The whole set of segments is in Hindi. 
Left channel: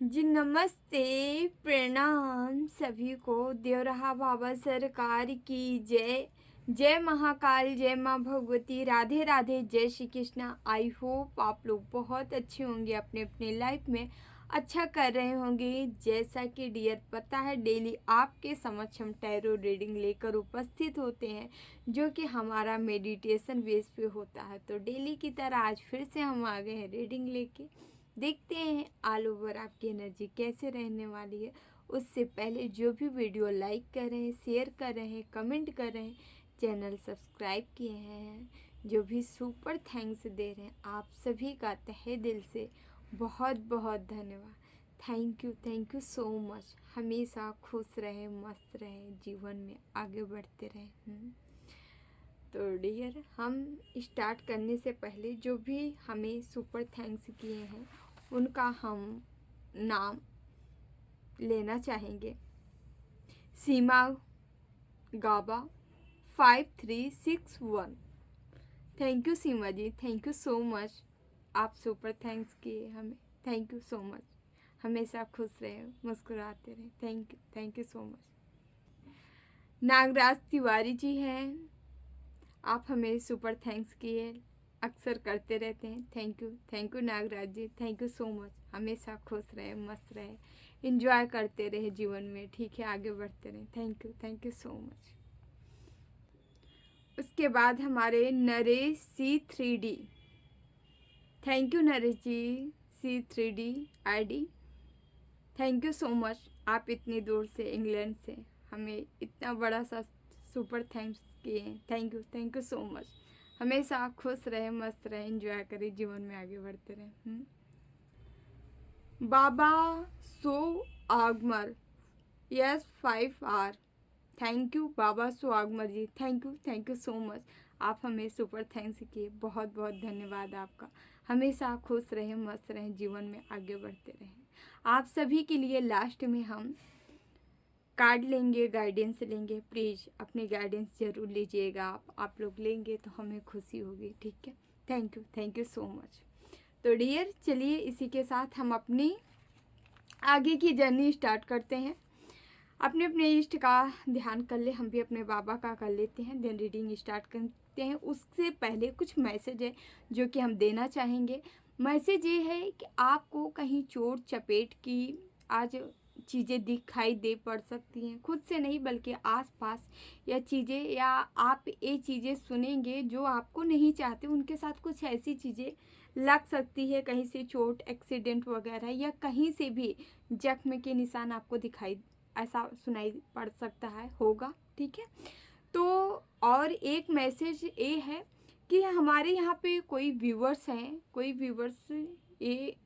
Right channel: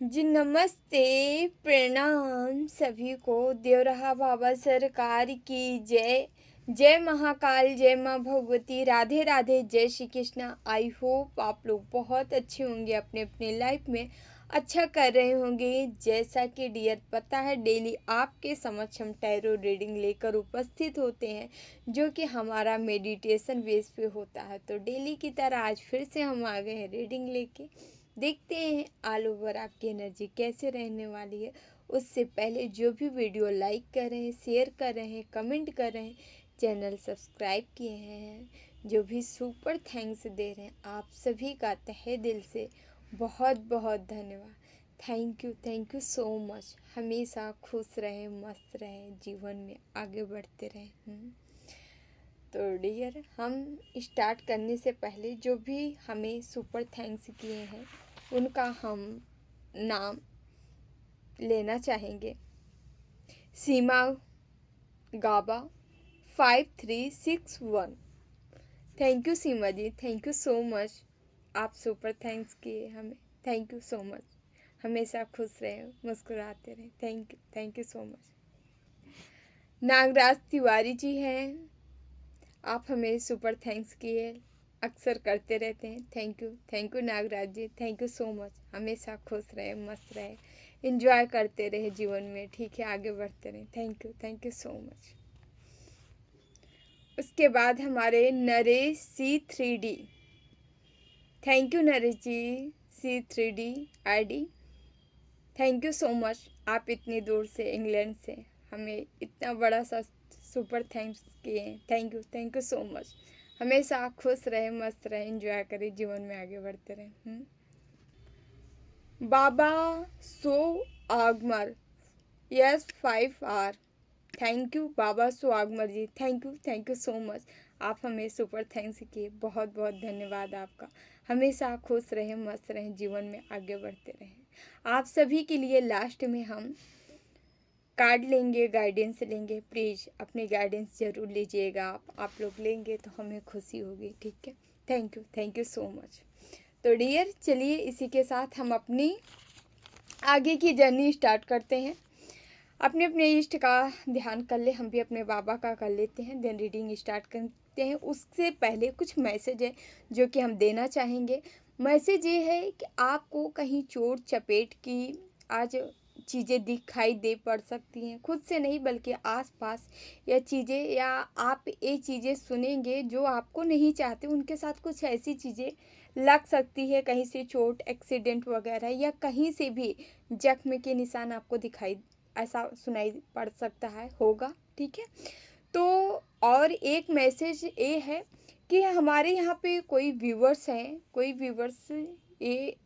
जी नमस्ते, प्रणाम सभी को। देवरहा बाबा सरकार की जय। जय महाकाल, जय माँ भगवती, राधे राधे, जय श्री कृष्णा। आई होप आप लोग बहुत अच्छे होंगे, अपने अपने लाइफ में अच्छा कर रहे होंगे। जैसा कि डियर पता है, डेली आपके समक्ष हम टैरो रीडिंग लेकर उपस्थित होते हैं, जो कि हमारा मेडिटेशन बेस पे होता है। तो डेली की तरह आज फिर से हम आ गए हैं रीडिंग लेके। देखते हैं ऑल ओवर आपकी एनर्जी कैसे रहने वाली है। उससे पहले जो भी वीडियो लाइक कर रहे हैं, शेयर कर रहे हैं, कमेंट कर रहे हैं, चैनल सब्सक्राइब किए हैं, जो भी सुपर थैंक्स दे रहे हैं, आप सभी का तहे दिल से बहुत बहुत धन्यवाद। Thank you so much. हमेशा खुश रहें, मस्त रहें, जीवन में आगे बढ़ते रहें। तो डियर, हम स्टार्ट करने से पहले जो भी हमें सुपर थैंक्स किए हैं उनका हम नाम लेना चाहेंगे। Seema Gaba 5361, thank you Seema ji, thank you so much. आप सुपर थैंक्स किए हमें, थैंक यू सो मच। हमेशा खुश रहें, मुस्कुराते रहें, thank you so much. Nagraj Tiwari ji हैं, आप हमें सुपर थैंक्स किए, अक्सर करते रहते हैं। Thank you Nagraj ji, thank you so much. हमेशा खुश रहे, मस्त रहे, इंजॉय करते रहे जीवन में, ठीक है, आगे बढ़ते रहे। Thank you so much. उसके बाद हमारे Naresh C3D, thank you Naresh ji, C3D ID, thank you so much. आप इतनी दूर से, इंग्लैंड से हमें इतना बड़ा सा सुपर थैंक्स किए हैं। Thank you so much. हमेशा खुश रहे, मस्त रहे, एंजॉय करें, जीवन में आगे बढ़ते रहें। बाबा सो आगमर, यस 5R, थैंक यू बाबा सो आगमर जी, थैंक यू सो मच। आप हमें सुपर थैंक्स किए, बहुत बहुत धन्यवाद आपका। हमेशा खुश रहें, मस्त रहें, जीवन में आगे बढ़ते रहें। आप सभी के लिए लास्ट में हम कार्ड लेंगे, गाइडेंस लेंगे। प्लीज़ अपनी गाइडेंस ज़रूर लीजिएगा। आप लोग लेंगे तो हमें खुशी होगी, ठीक है। Thank you so much. तो डियर, चलिए इसी के साथ हम अपनी आगे की जर्नी स्टार्ट करते हैं। अपने अपने इष्ट का ध्यान कर ले, हम भी अपने बाबा का कर लेते हैं, देन रीडिंग स्टार्ट करते हैं। उससे पहले कुछ मैसेज है जो कि हम देना चाहेंगे। मैसेज ये है कि आपको कहीं चोट चपेट की आज चीज़ें दिखाई दे पड़ सकती हैं, खुद से नहीं बल्कि आसपास या चीज़ें, या आप ये चीज़ें सुनेंगे जो आपको नहीं चाहते, उनके साथ कुछ ऐसी चीज़ें लग सकती है, कहीं से चोट, एक्सीडेंट वगैरह, या कहीं से भी जख्म के निशान आपको दिखाई, ऐसा सुनाई पड़ सकता है, होगा, ठीक है। तो और एक मैसेज ये है कि हमारे यहाँ पे कोई व्यूवर्स हैं, कोई व्यूवर्स, ये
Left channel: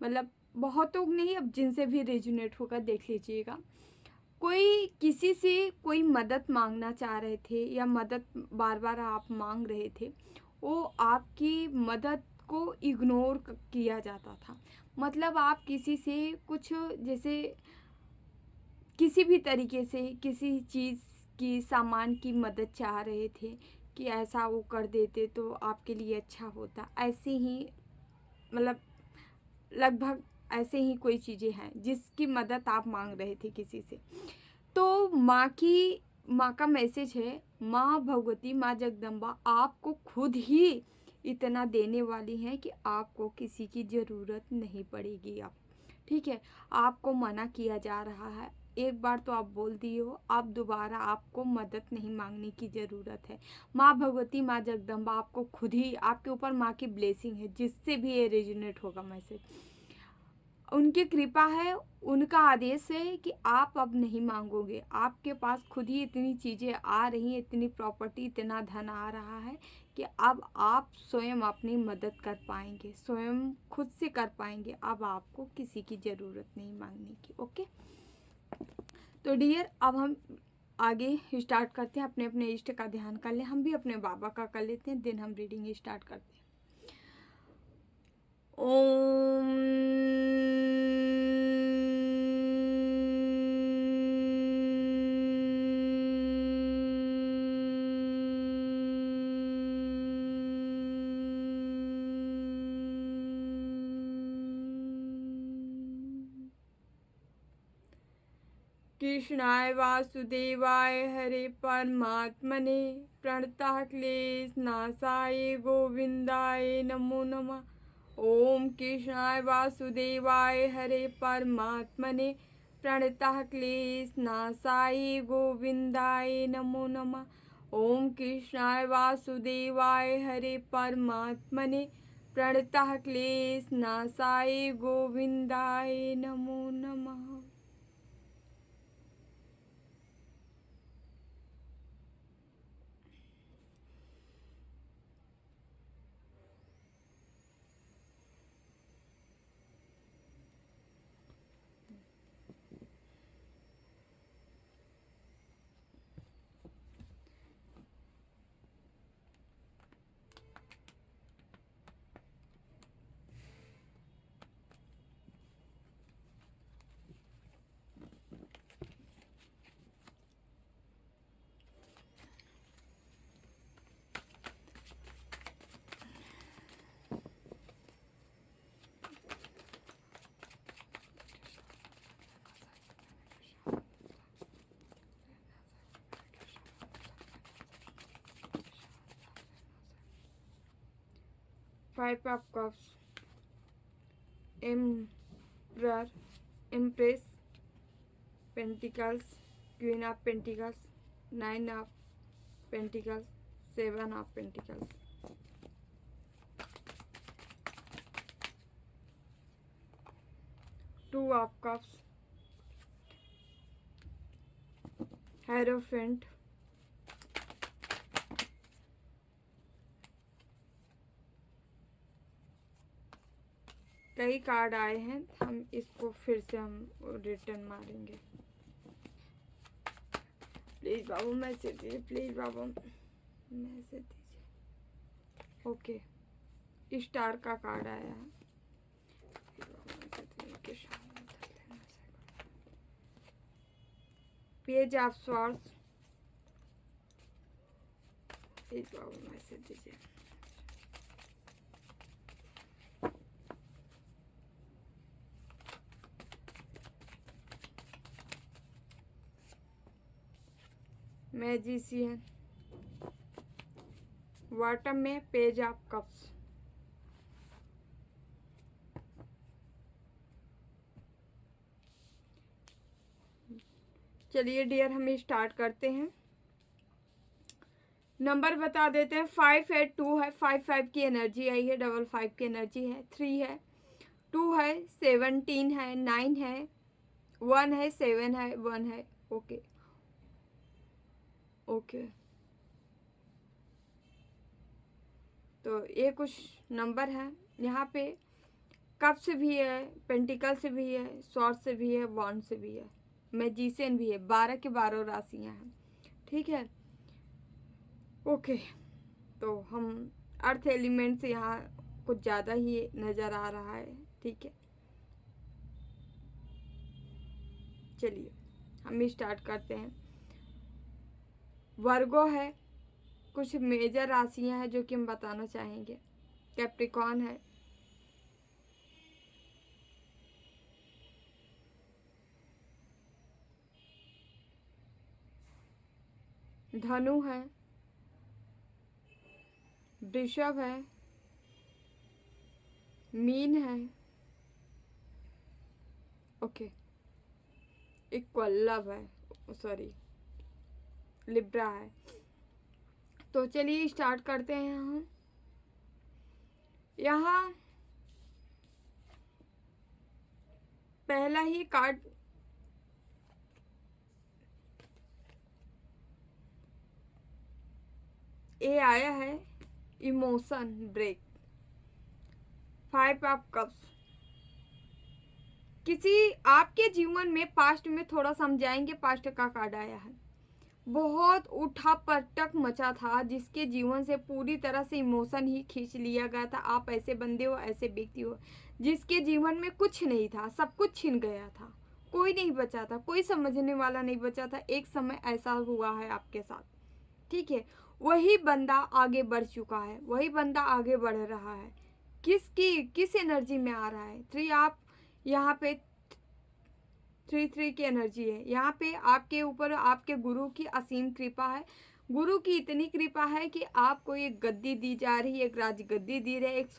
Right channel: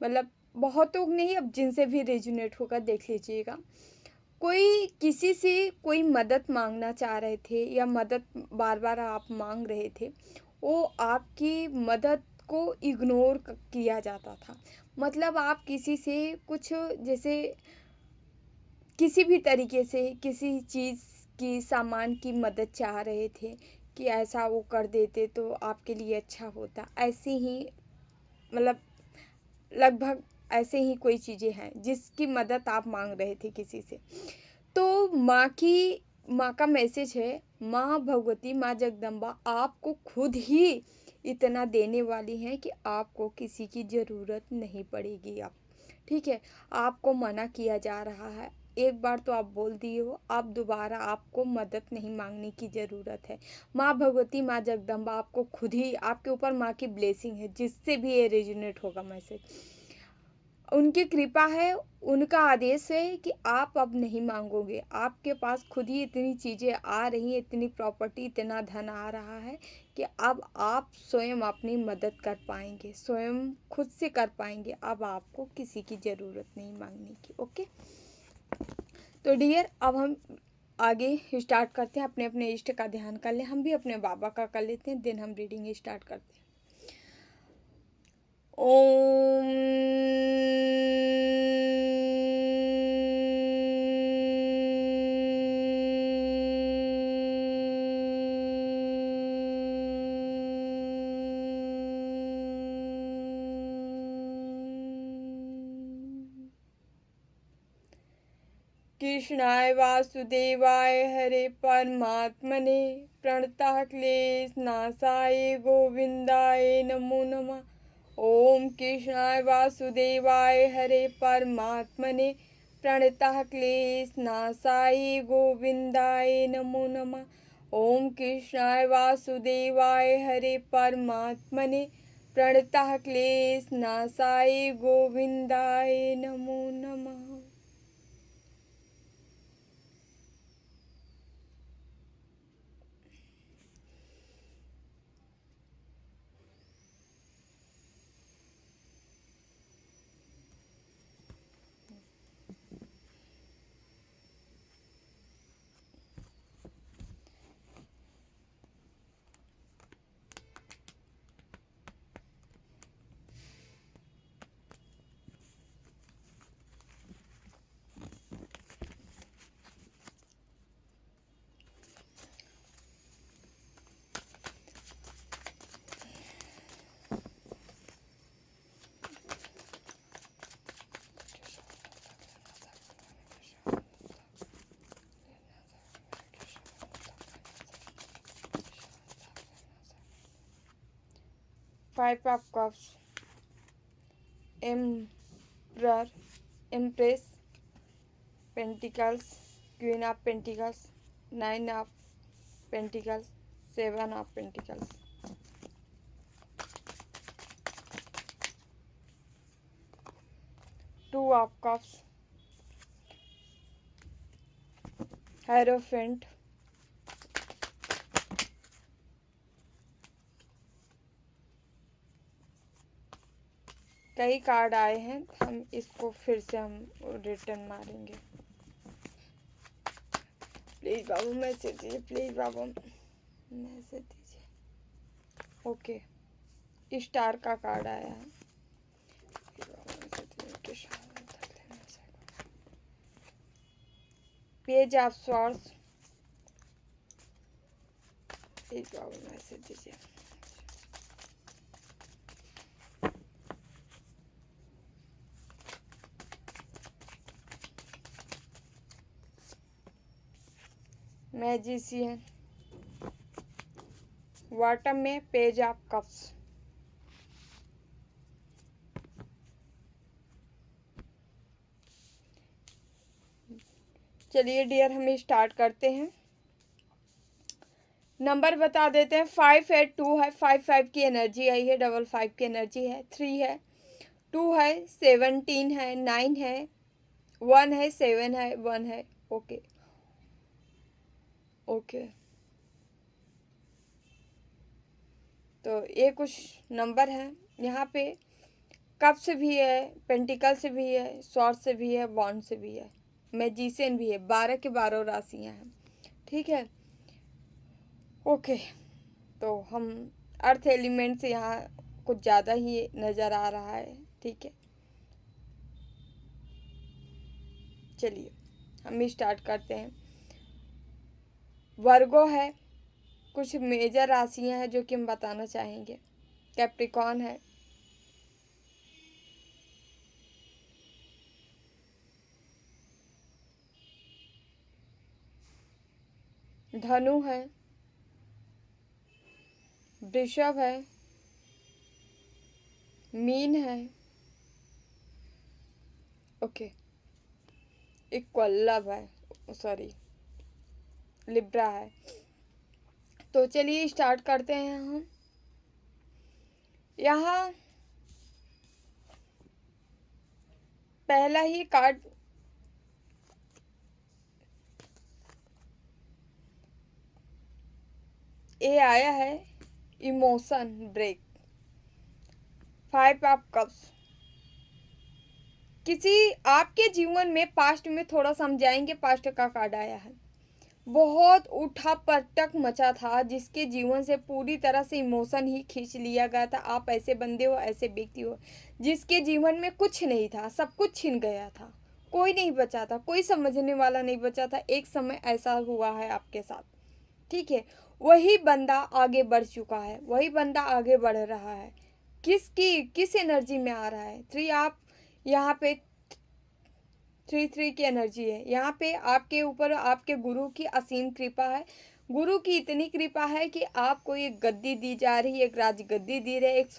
मतलब बहुतों नहीं, अब जिनसे भी रेजोनेट होगा देख लीजिएगा। कोई किसी से कोई मदद मांगना चाह रहे थे, या मदद बार बार आप मांग रहे थे, वो आपकी मदद को इग्नोर किया जाता था। मतलब आप किसी से कुछ, जैसे किसी भी तरीके से किसी चीज़ की, सामान की मदद चाह रहे थे कि ऐसा वो कर देते तो आपके लिए अच्छा होता, ऐसे ही मतलब लगभग ऐसे ही कोई चीज़ें हैं जिसकी मदद आप मांग रहे थे किसी से। तो माँ का मैसेज है, माँ भगवती, माँ जगदम्बा आपको खुद ही इतना देने वाली हैं कि आपको किसी की ज़रूरत नहीं पड़ेगी अब, ठीक है। आपको मना किया जा रहा है, एक बार तो आप बोल दिए हो, आप दोबारा आपको मदद नहीं मांगने की ज़रूरत है। माँ भगवती, माँ जगदम्बा आपको खुद ही, आपके ऊपर माँ की ब्लेसिंग है, जिससे भी ये रेजोनेट होगा मैसेज, उनकी कृपा है, उनका आदेश है कि आप अब नहीं मांगोगे। आपके पास खुद ही इतनी चीज़ें आ रही हैं, इतनी प्रॉपर्टी, इतना धन आ रहा है कि अब आप स्वयं अपनी मदद कर पाएंगे, स्वयं खुद से कर पाएंगे। अब आपको किसी की ज़रूरत नहीं मांगने की, ओके। तो डियर, अब हम आगे स्टार्ट करते हैं। अपने अपने इष्ट का ध्यान कर लें, हम भी अपने बाबा का कर लेते हैं, देन हम रीडिंग स्टार्ट करते हैं। ओम कृष्णाय वासुदेवाय हरे परमात्मने प्रणतः क्लेश नाशाय गोविंदाय नमो नमः। ओम कृष्णाय वासुदेवाय हरे परमात्मने प्रणतः क्लेश नाशाय गोविंदाय नमो नमः। ओम कृष्णाय वासुदेवाय हरे परमात्मने प्रणतः क्लेश नाशाय गोविंदाय नमो नमः। Five of Cups, Emperor, Empress, Pentacles, Queen of Pentacles, Nine of Pentacles, Seven of Pentacles. Two of Cups, Hierophant, कई कार्ड आए हैं, हम इसको फिर से हम रिटर्न मारेंगे। प्लीज बाबू मैसेज दीजिए, प्लीज बाबू मैसेज दीजिए। ओके, स्टार का कार्ड आया है। Page of swords, please Babu message दीजिए। मैजिशियन, बॉटम में पेज ऑफ कप्स। चलिए डियर, हम स्टार्ट करते हैं। नंबर बता देते हैं। 5 है, 2 है, 5 की एनर्जी आई है, 5 की एनर्जी है, 3 है, 2 है, 17 है, 9 है, 1 है, 7 है, 1 है। ओके ओके, तो ये कुछ नंबर हैं यहाँ पे। कप से भी है, पेंटिकल से भी है, स्वॉर्ड से भी है, वॉन्ड से भी है, मैजिशियन भी है। 12 के 12 राशियाँ हैं, ठीक है। ओके, तो हम अर्थ एलिमेंट से यहाँ कुछ ज़्यादा ही नज़र आ रहा है, ठीक है। चलिए हम स्टार्ट करते हैं। वर्गो है, कुछ मेजर राशियाँ हैं जो कि हम बताना चाहेंगे। कैप्रिकॉर्न है, धनु है, वृषभ है, मीन है, ओके, इक्वल्लभ है, सॉरी लिब्रा है। तो चलिए स्टार्ट करते हैं हम। यहाँ पहला ही कार्ड ये आया है, इमोशन ब्रेक। 5 ऑफ कप्स, किसी आपके जीवन में पास्ट में थोड़ा समझाएंगे। पास्ट का कार्ड आया है, बहुत उठा पटक मचा था, जिसके जीवन से पूरी तरह से इमोशन ही खींच लिया गया था। आप ऐसे बंदे हो, ऐसे व्यक्ति हो जिसके जीवन में कुछ नहीं था, सब कुछ छिन गया था, कोई नहीं बचा था, कोई समझने वाला नहीं बचा था। एक समय ऐसा हुआ है आपके साथ, ठीक है। वही बंदा आगे बढ़ चुका है, वही बंदा आगे बढ़ रहा है। किस एनर्जी में आ रहा है? 3 आप यहाँ पे 3 की एनर्जी है। यहाँ पे आपके ऊपर आपके गुरु की असीम कृपा है। गुरु की इतनी कृपा है कि आपको एक गद्दी दी जा रही है, एक राजगद्दी दी रही है, एक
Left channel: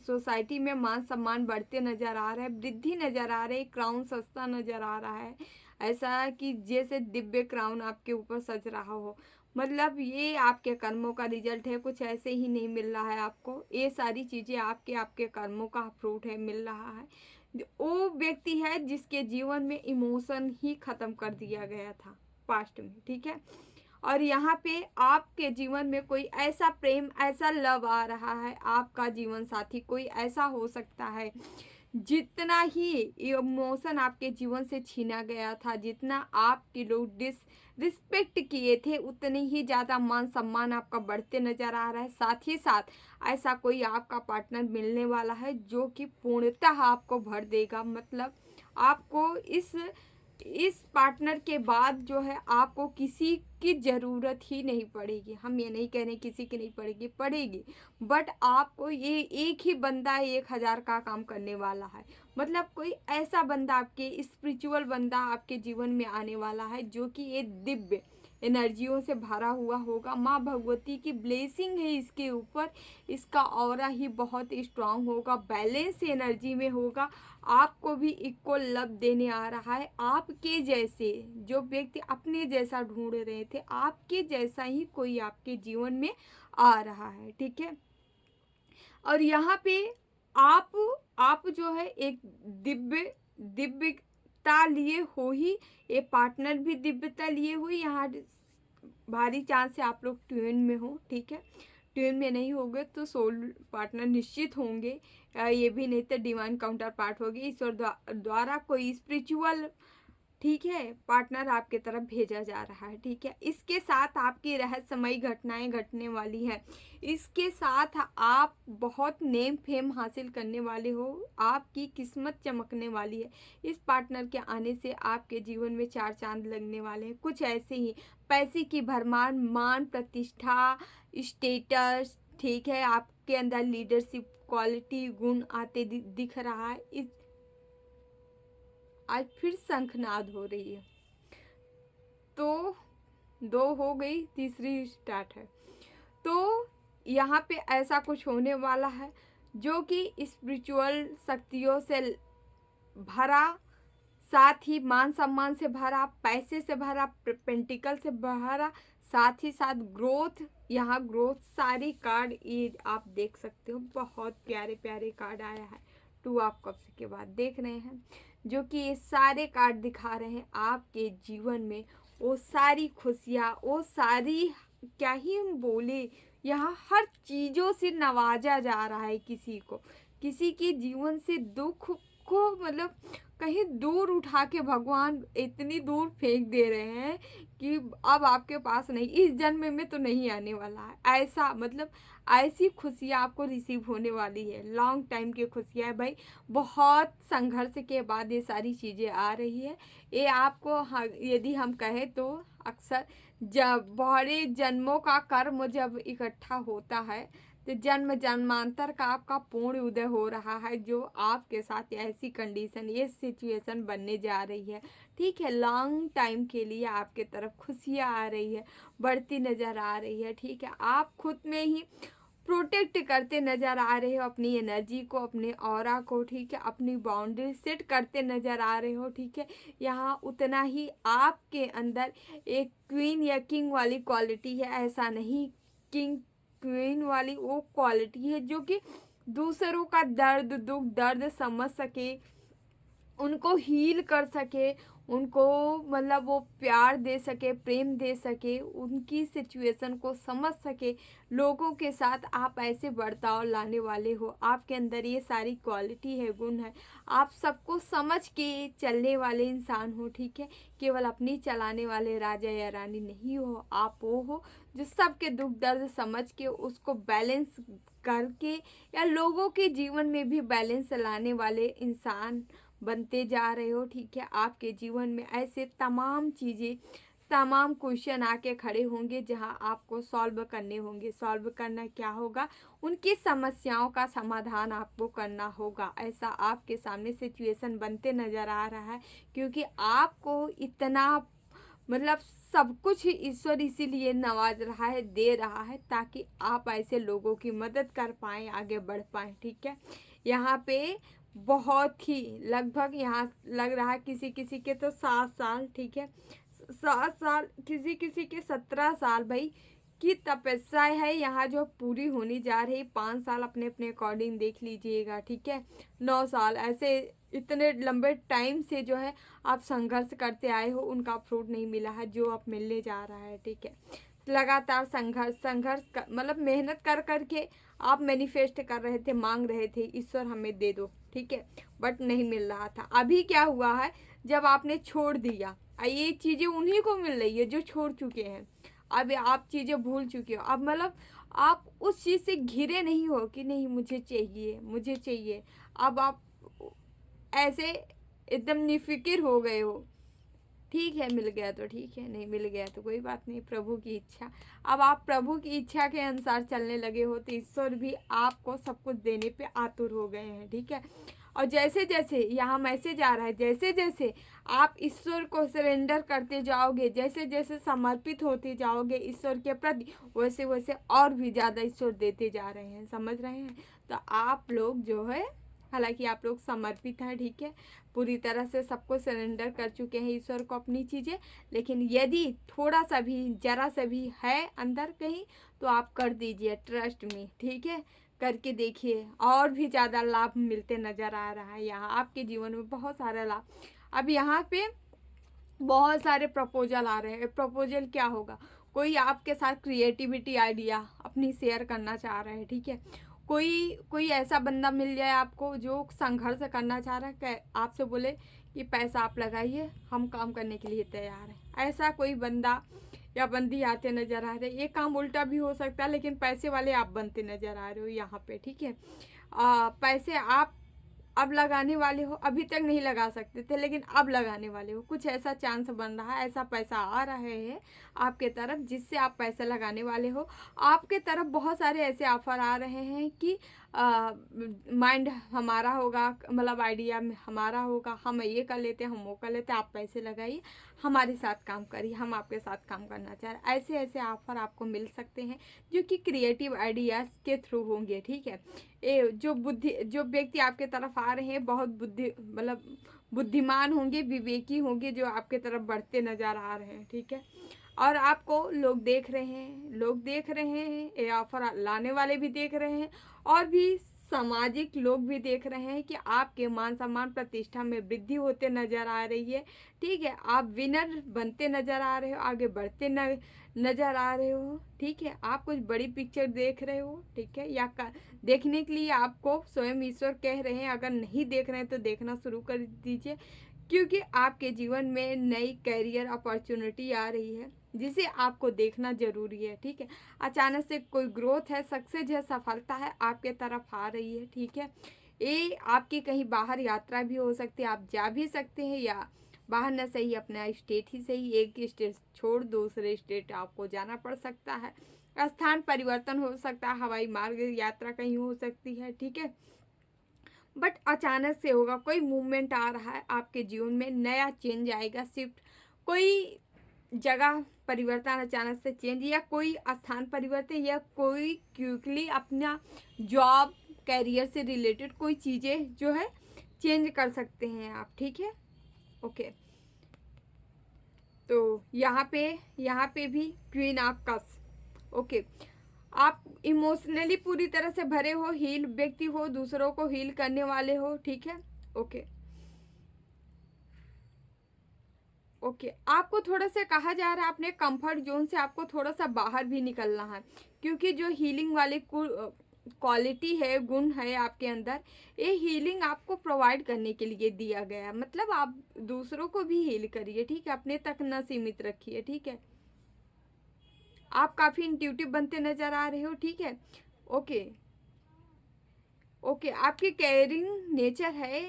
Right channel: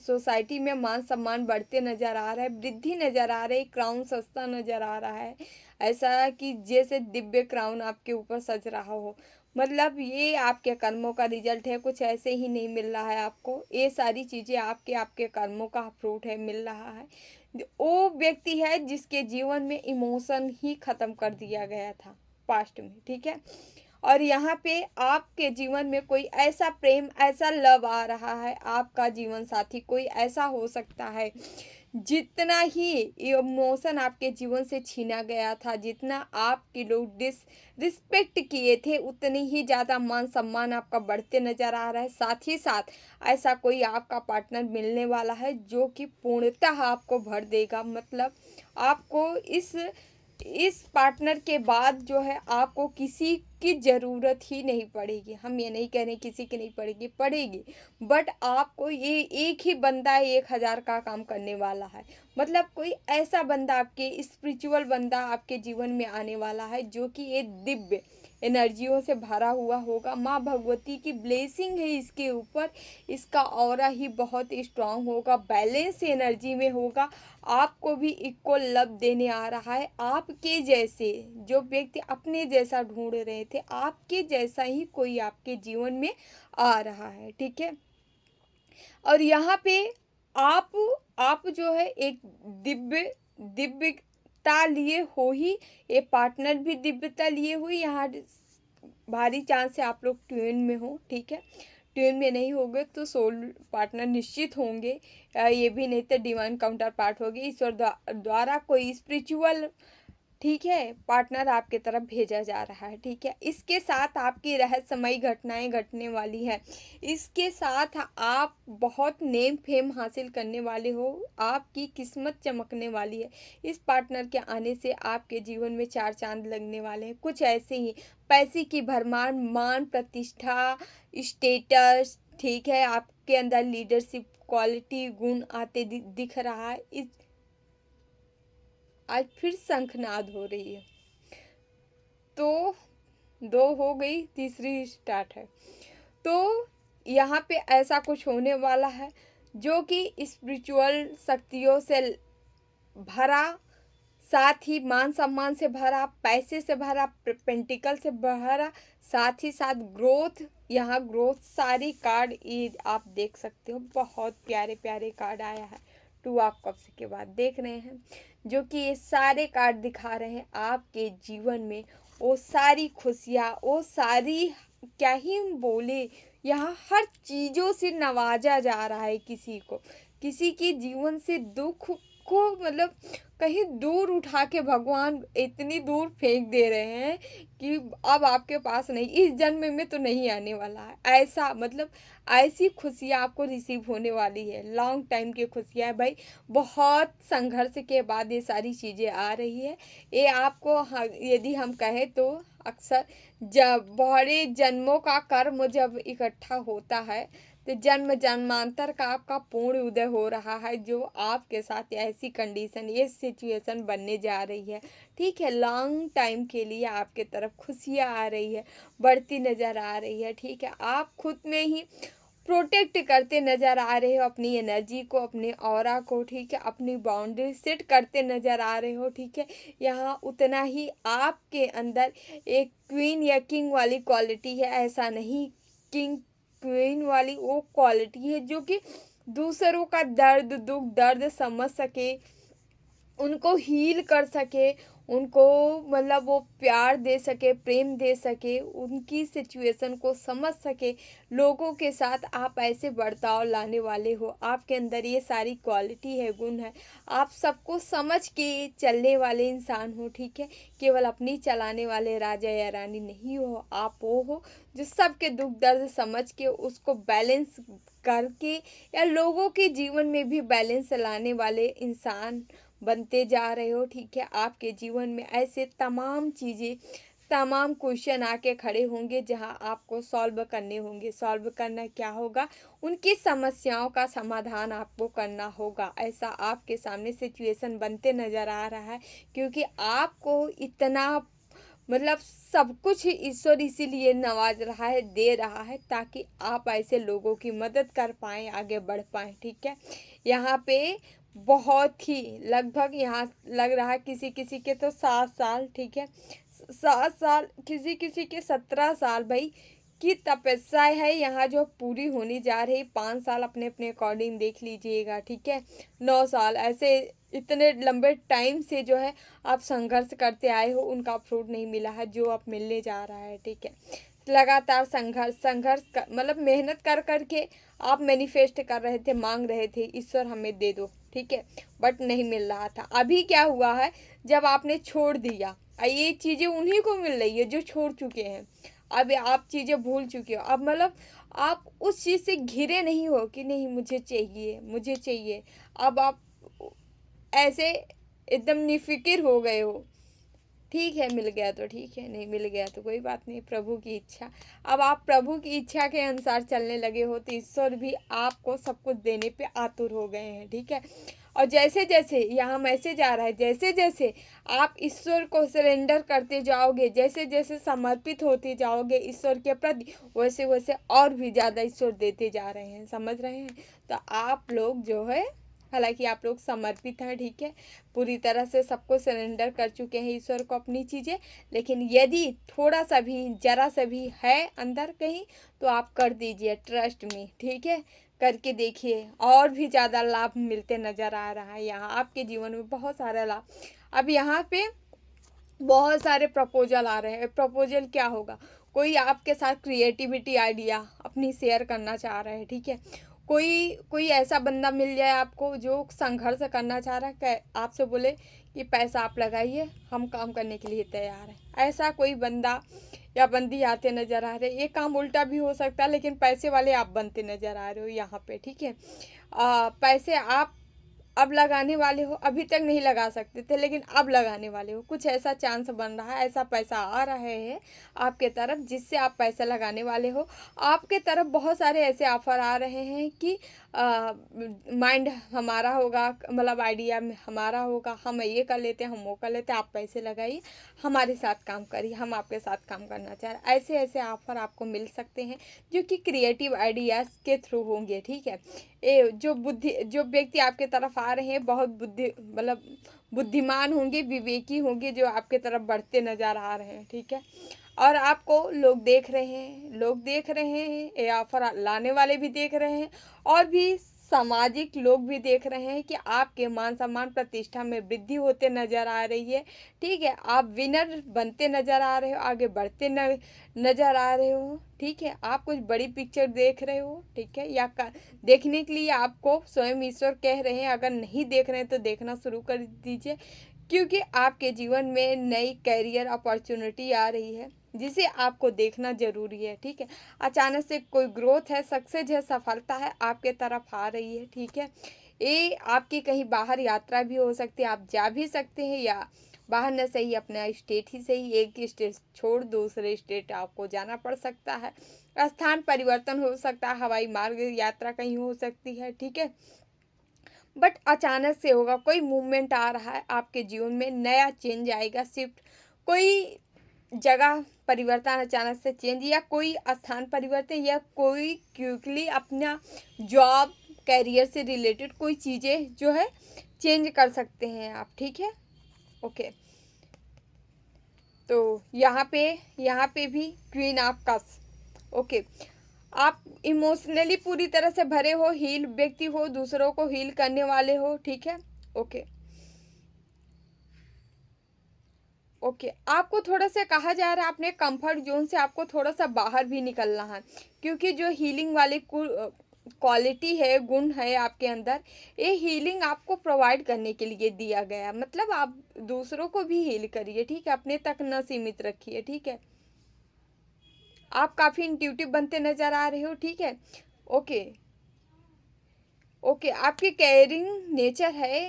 सोसाइटी में मान सम्मान बढ़ते नज़र आ रहा है, वृद्धि नज़र आ रही है, क्राउन सस्ता नज़र आ रहा है। ऐसा कि जैसे दिव्य क्राउन आपके ऊपर सज रहा हो। मतलब ये आपके कर्मों का रिजल्ट है, कुछ ऐसे ही नहीं मिल रहा है आपको। ये सारी चीज़ें आपके आपके कर्मों का फ्रूट है, मिल रहा है। वो व्यक्ति है जिसके जीवन में इमोशन ही ख़त्म कर दिया गया था पास्ट में, ठीक है। और यहाँ पे आपके जीवन में कोई ऐसा प्रेम, ऐसा लव आ रहा है, आपका जीवन साथी कोई ऐसा हो सकता है। जितना ही इमोशन आपके जीवन से छीना गया था, जितना आपके लोग रिस्पेक्ट किए थे, उतनी ही ज़्यादा मान सम्मान आपका बढ़ते नज़र आ रहा है। साथ ही साथ ऐसा कोई आपका पार्टनर मिलने वाला है जो कि पूर्णतः आपको भर देगा। मतलब आपको इस पार्टनर के बाद जो है आपको किसी की ज़रूरत ही नहीं पड़ेगी। हम ये नहीं कह रहे किसी की नहीं पड़ेगी, पड़ेगी, बट आपको ये एक ही बंदा 1000 का काम करने वाला है। मतलब कोई ऐसा बंदा, आपके स्पिरिचुअल बंदा आपके जीवन में आने वाला है जो कि ये दिव्य एनर्जियों से भरा हुआ होगा। माँ भगवती की ब्लेसिंग है इसके ऊपर। इसका ऑरा ही बहुत स्ट्रांग होगा, बैलेंस एनर्जी में होगा। आपको भी इक्वल लव देने आ रहा है। आपके जैसे जो व्यक्ति अपने जैसा ढूंढ रहे थे, आपके जैसा ही कोई आपके जीवन में आ रहा है, ठीक है। और यहाँ पे आप आप जो है एक दिव्यता लिए हो ही, ये पार्टनर भी दिव्यता लिए हुई। यहाँ भारी चांस से आप लोग ट्यून में हो, ठीक है। ट्यून में नहीं होगे तो सोल पार्टनर निश्चित होंगे। ये भी नहीं तो डिवाइन काउंटर पार्ट होगी, ईश्वर द्वारा कोई स्पिरिचुअल, ठीक है, पार्टनर आपके तरफ भेजा जा रहा है, ठीक है। इसके साथ आपकी रहस्यमयी घटनाएं घटने वाली है। इसके साथ आप बहुत नेम फेम हासिल करने वाले हो, आपकी किस्मत चमकने वाली है। इस पार्टनर के आने से आपके जीवन में 4 चांद लगने वाले हैं। कुछ ऐसे ही पैसे की भरमार, मान प्रतिष्ठा, स्टेटस, ठीक है, आपके अंदर लीडरशिप क्वालिटी गुण आते दिख रहा है। इस आज फिर शंखनाद हो रही है, तो 2 हो गई, तीसरी स्टार्ट है। तो यहाँ पे ऐसा कुछ होने वाला है जो कि स्पिरिचुअल शक्तियों से भरा, साथ ही मान सम्मान से भरा, पैसे से भरा, पेंटिकल से भरा, साथ ही साथ ग्रोथ। यहाँ ग्रोथ सारी कार्ड ये आप देख सकते हो, बहुत प्यारे प्यारे कार्ड आया है। 2 ऑफ कप्स के बाद देख रहे हैं, जो कि ये सारे कार्ड दिखा रहे हैं आपके जीवन में वो सारी खुशियाँ, वो सारी, क्या ही बोले, यहाँ हर चीज़ों से नवाजा जा रहा है किसी को। किसी के जीवन से दुख को मतलब कहीं दूर उठा के भगवान इतनी दूर फेंक दे रहे हैं कि अब आपके पास नहीं, इस जन्म में तो नहीं आने वाला है। ऐसा मतलब ऐसी खुशियाँ आपको रिसीव होने वाली है। लॉन्ग टाइम की खुशियाँ है भाई, बहुत संघर्ष के बाद ये सारी चीज़ें आ रही है। ये आपको यदि हम कहें तो अक्सर जब बड़े जन्मों का कर्म जब इकट्ठा होता है तो जन्म जन्मांतर का आपका पूर्ण उदय हो रहा है, जो आपके साथ ऐसी कंडीशन, ये सिचुएशन बनने जा रही है, ठीक है। लॉन्ग टाइम के लिए आपके तरफ खुशियाँ आ रही है, बढ़ती नज़र आ रही है, ठीक है। आप खुद में ही प्रोटेक्ट करते नज़र आ रहे हो अपनी एनर्जी को, अपने ऑरा को, ठीक है। अपनी बाउंड्री सेट करते नज़र आ रहे हो, ठीक है। यहाँ उतना ही आपके अंदर एक क्वीन या किंग वाली क्वालिटी है। ऐसा नहीं, किंग क्वीन वाली वो क्वालिटी है जो कि दूसरों का दर्द दुख दर्द समझ सके, उनको हील कर सके, उनको मतलब वो प्यार दे सके, प्रेम दे सके, उनकी सिचुएशन को समझ सके। लोगों के साथ आप ऐसे बर्ताव लाने वाले हो, आपके अंदर ये सारी क्वालिटी है, गुण है। आप सबको समझ के चलने वाले इंसान हो, ठीक है। केवल अपनी चलाने वाले राजा या रानी नहीं हो, आप वो हो जो सबके दुख दर्द समझ के उसको बैलेंस करके या लोगों के जीवन में भी बैलेंस लाने वाले इंसान बनते जा रहे हो, ठीक है। आपके जीवन में ऐसे तमाम चीज़ें तमाम क्वेश्चन आके खड़े होंगे जहां आपको सॉल्व करने होंगे। सॉल्व करना क्या होगा? उनकी समस्याओं का समाधान आपको करना होगा। ऐसा आपके सामने सिचुएशन बनते नज़र आ रहा है, क्योंकि आपको इतना मतलब सब कुछ ही ईश्वर इसीलिए नवाज रहा है, दे रहा है, ताकि आप ऐसे लोगों की मदद कर पाएँ, आगे बढ़ पाएँ, ठीक है? यहाँ पे बहुत ही लगभग यहाँ लग रहा है किसी-किसी के तो 7 साल, ठीक है? 7 साल, किसी-किसी के 17 साल भाई की तपस्या है यहाँ जो पूरी होने जा रही। 5 साल अपने-अपने अकॉर्डिंग देख लीजिएगा, ठीक है? 9 साल ऐसे इतने लंबे टाइम से जो है आप संघर्ष करते आए हो, उनका फ्रूट नहीं मिला है जो अब मिलने जा रहा है, ठीक है? लगातार संघर्ष मतलब मेहनत कर कर के आप मैनिफेस्ट कर रहे थे, मांग रहे थे ईश्वर हमें दे दो, ठीक है? बट नहीं मिल रहा था। अभी क्या हुआ है, जब आपने छोड़ दिया, ये चीज़ें उन्हीं को मिल रही है जो छोड़ चुके हैं। अब आप चीज़ें भूल चुके हो, अब मतलब आप उस चीज़ से घिरे नहीं हो कि नहीं मुझे चाहिए, मुझे चाहिए। अब आप ऐसे एकदम निफ़िक्र हो गए हो। ठीक है, मिल गया तो ठीक है, नहीं मिल गया तो कोई बात नहीं, प्रभु की इच्छा। अब आप प्रभु की इच्छा के अनुसार चलने लगे हो, तो ईश्वर भी आपको सब कुछ देने पे आतुर हो गए हैं, ठीक है? और जैसे-जैसे यहाँ मैसेज आ रहा है, जैसे-जैसे आप ईश्वर को सरेंडर करते जाओगे, जैसे-जैसे समर्पित होते जाओगे ईश्वर के प्रति, वैसे-वैसे और भी ज़्यादा ईश्वर देते जा रहे हैं, समझ रहे हैं? तो आप लोग जो है, हालाँकि आप लोग समर्पित हैं, ठीक है? पूरी तरह से सबको सरेंडर कर चुके हैं ईश्वर को अपनी चीज़ें, लेकिन यदि थोड़ा-सा भी, ज़रा-सा भी है अंदर कहीं, तो आप कर दीजिए, ट्रस्ट मी, ठीक है? करके देखिए, और भी ज़्यादा लाभ मिलते नज़र आ रहा है यहाँ आपके जीवन में, बहुत सारा लाभ। अब यहाँ पे बहुत सारे प्रपोज़ल आ रहे हैं। प्रपोज़ल क्या होगा? कोई आपके साथ क्रिएटिविटी आइडिया अपनी शेयर करना चाह रहा है, ठीक है? कोई कोई ऐसा बंदा मिल जाए आपको जो संघर्ष करना चाह रहा है, आपसे बोले कि पैसा आप लगाइए, हम काम करने के लिए तैयार हैं। ऐसा कोई बंदा या बंदी आते नज़र आ रहे हैं। ये काम उल्टा भी हो सकता है, लेकिन पैसे वाले आप बनते नज़र आ रहे हो यहाँ पे, ठीक है? पैसे आप अब लगाने वाले हो, अभी तक नहीं लगा सकते थे, लेकिन अब लगाने वाले हो। कुछ ऐसा चांस बन रहा है, ऐसा पैसा आ रहे हैं आपके तरफ, जिससे आप पैसा लगाने वाले हो। आपके तरफ बहुत सारे ऐसे ऑफ़र आ रहे हैं कि माइंड हमारा होगा, मतलब आइडिया हमारा होगा, हम ये कर लेते हैं, हम वो कर लेते हैं, आप पैसे लगाइए, हमारे साथ काम करिए, हम आपके साथ काम करना चाह रहे हैं। ऐसे-ऐसे ऑफ़र आपको मिल सकते हैं, जो कि क्रिएटिव आइडियाज़ के थ्रू होंगे, ठीक है? जो व्यक्ति आपके तरफ आ रहे हैं, बहुत मतलब बुद्धिमान होंगे, विवेकी होंगे, जो आपके तरफ बढ़ते नज़र आ रहे हैं, ठीक है? और आपको लोग देख रहे हैं, ये ऑफ़र लाने वाले भी देख रहे हैं, और भी सामाजिक लोग भी देख रहे हैं कि आपके मान-सम्मान, प्रतिष्ठा में वृद्धि होते नज़र आ रही है, ठीक है? आप विनर बनते नज़र आ रहे हो, आगे बढ़ते नज़र आ रहे हो, ठीक है? आप कुछ बड़ी पिक्चर देख रहे हो, ठीक है? या देखने के लिए आपको स्वयं ईश्वर कह रहे हैं, अगर नहीं देख रहे हैं तो देखना शुरू कर दीजिए, क्योंकि आपके जीवन में नई करियर अपॉर्चुनिटी आ रही है, जिसे आपको देखना ज़रूरी है, ठीक है? अचानक से कोई ग्रोथ है, सक्सेस है, सफलता है, आपके तरफ आ रही है, ठीक है? ये आपकी कहीं बाहर यात्रा भी हो सकती है, आप जा भी सकते हैं, या बाहर न सही अपना स्टेट ही सही, एक स्टेट छोड़ दूसरे स्टेट आपको जाना पड़ सकता है। स्थान परिवर्तन हो सकता है, हवाई मार्ग यात्रा कहीं हो सकती है, ठीक है? बट अचानक से होगा, कोई मूवमेंट आ रहा है आपके जीवन में, नया चेंज आएगा, शिफ्ट, कोई जगह परिवर्तन, अचानक से चेंज, या कोई स्थान परिवर्तन, या कोई क्विकली अपना जॉब कैरियर से रिलेटेड कोई चीज़ें जो है चेंज कर सकते हैं आप, ठीक है? ओके, तो यहाँ पे भी क्वीन ऑफ कप्स, ओके। आप इमोशनली पूरी तरह से भरे हो, हील व्यक्ति हो, दूसरों को हील करने वाले हो, ठीक है? Okay, okay. आपको थोड़ा सा कहा जा रहा है अपने कंफर्ट जोन से आपको थोड़ा सा बाहर भी निकलना है, क्योंकि जो हीलिंग वाले क्वालिटी है, गुण है आपके अंदर, ये हीलिंग आपको प्रोवाइड करने के लिए दिया गया, मतलब आप दूसरों को भी हील करिए, ठीक है? अपने तक न सीमित रखिए, ठीक है? आप काफ़ी इंट्यूटिव बनते नज़र आ रहे हो, ठीक है? Okay, okay. आपकी केयरिंग नेचर है,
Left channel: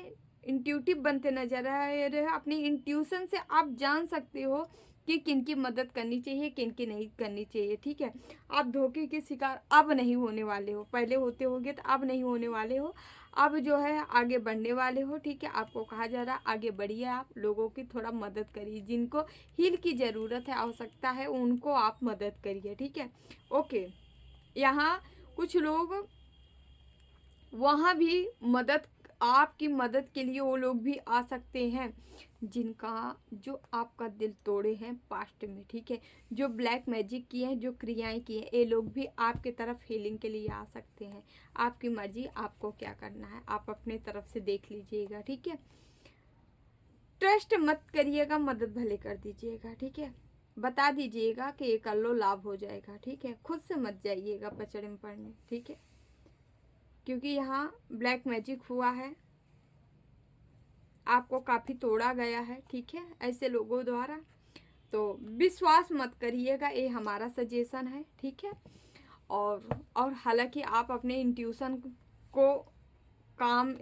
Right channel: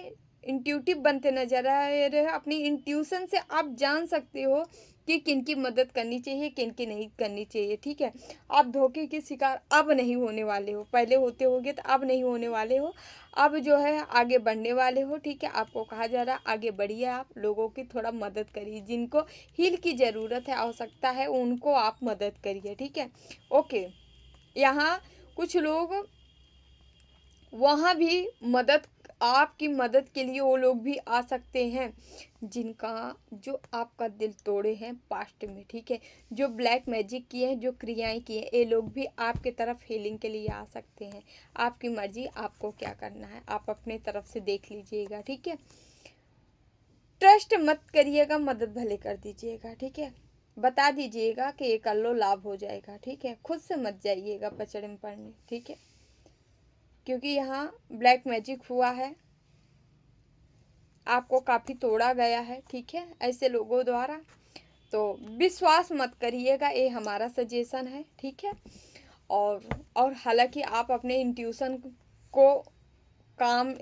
इंट्यूटिव बनते नज़र आ रहे हो, अपनी इंट्यूशन से आप जान सकते हो कि किन की मदद करनी चाहिए, किन की नहीं करनी चाहिए, ठीक है। आप धोखे के शिकार अब नहीं होने वाले हो, पहले होते होगे तो अब नहीं होने वाले हो। अब जो है आगे बढ़ने वाले हो, ठीक है। आपको कहा जा रहा है आगे बढ़िए, आप लोगों की थोड़ा मदद करिए, जिनको हील की ज़रूरत है, आवश्यकता है, उनको आप मदद करिए, ठीक है। ओके, यहाँ कुछ लोग वहाँ भी मदद, आपकी मदद के लिए वो लोग भी आ सकते हैं जिनका, जो आपका दिल तोड़े हैं पास्ट में, ठीक है। जो ब्लैक मैजिक किए हैं, जो क्रियाएं किए हैं, ये लोग भी आपके तरफ हीलिंग के लिए आ सकते हैं। आपकी मर्जी, आपको क्या करना है, आप अपने तरफ से देख लीजिएगा, ठीक है। ट्रस्ट मत करिएगा, मदद भले कर दीजिएगा, ठीक है। बता दीजिएगा कि ये कर लो, लाभ हो जाएगा, ठीक है। खुद से मत जाइएगा पचड़े में पड़ने, ठीक है, क्योंकि यहाँ ब्लैक मैजिक हुआ है, आपको काफ़ी तोड़ा गया है, ठीक है, ऐसे लोगों द्वारा। तो विश्वास मत करिएगा, ये हमारा सजेशन है, ठीक है। और हालांकि आप अपने इंट्यूशन को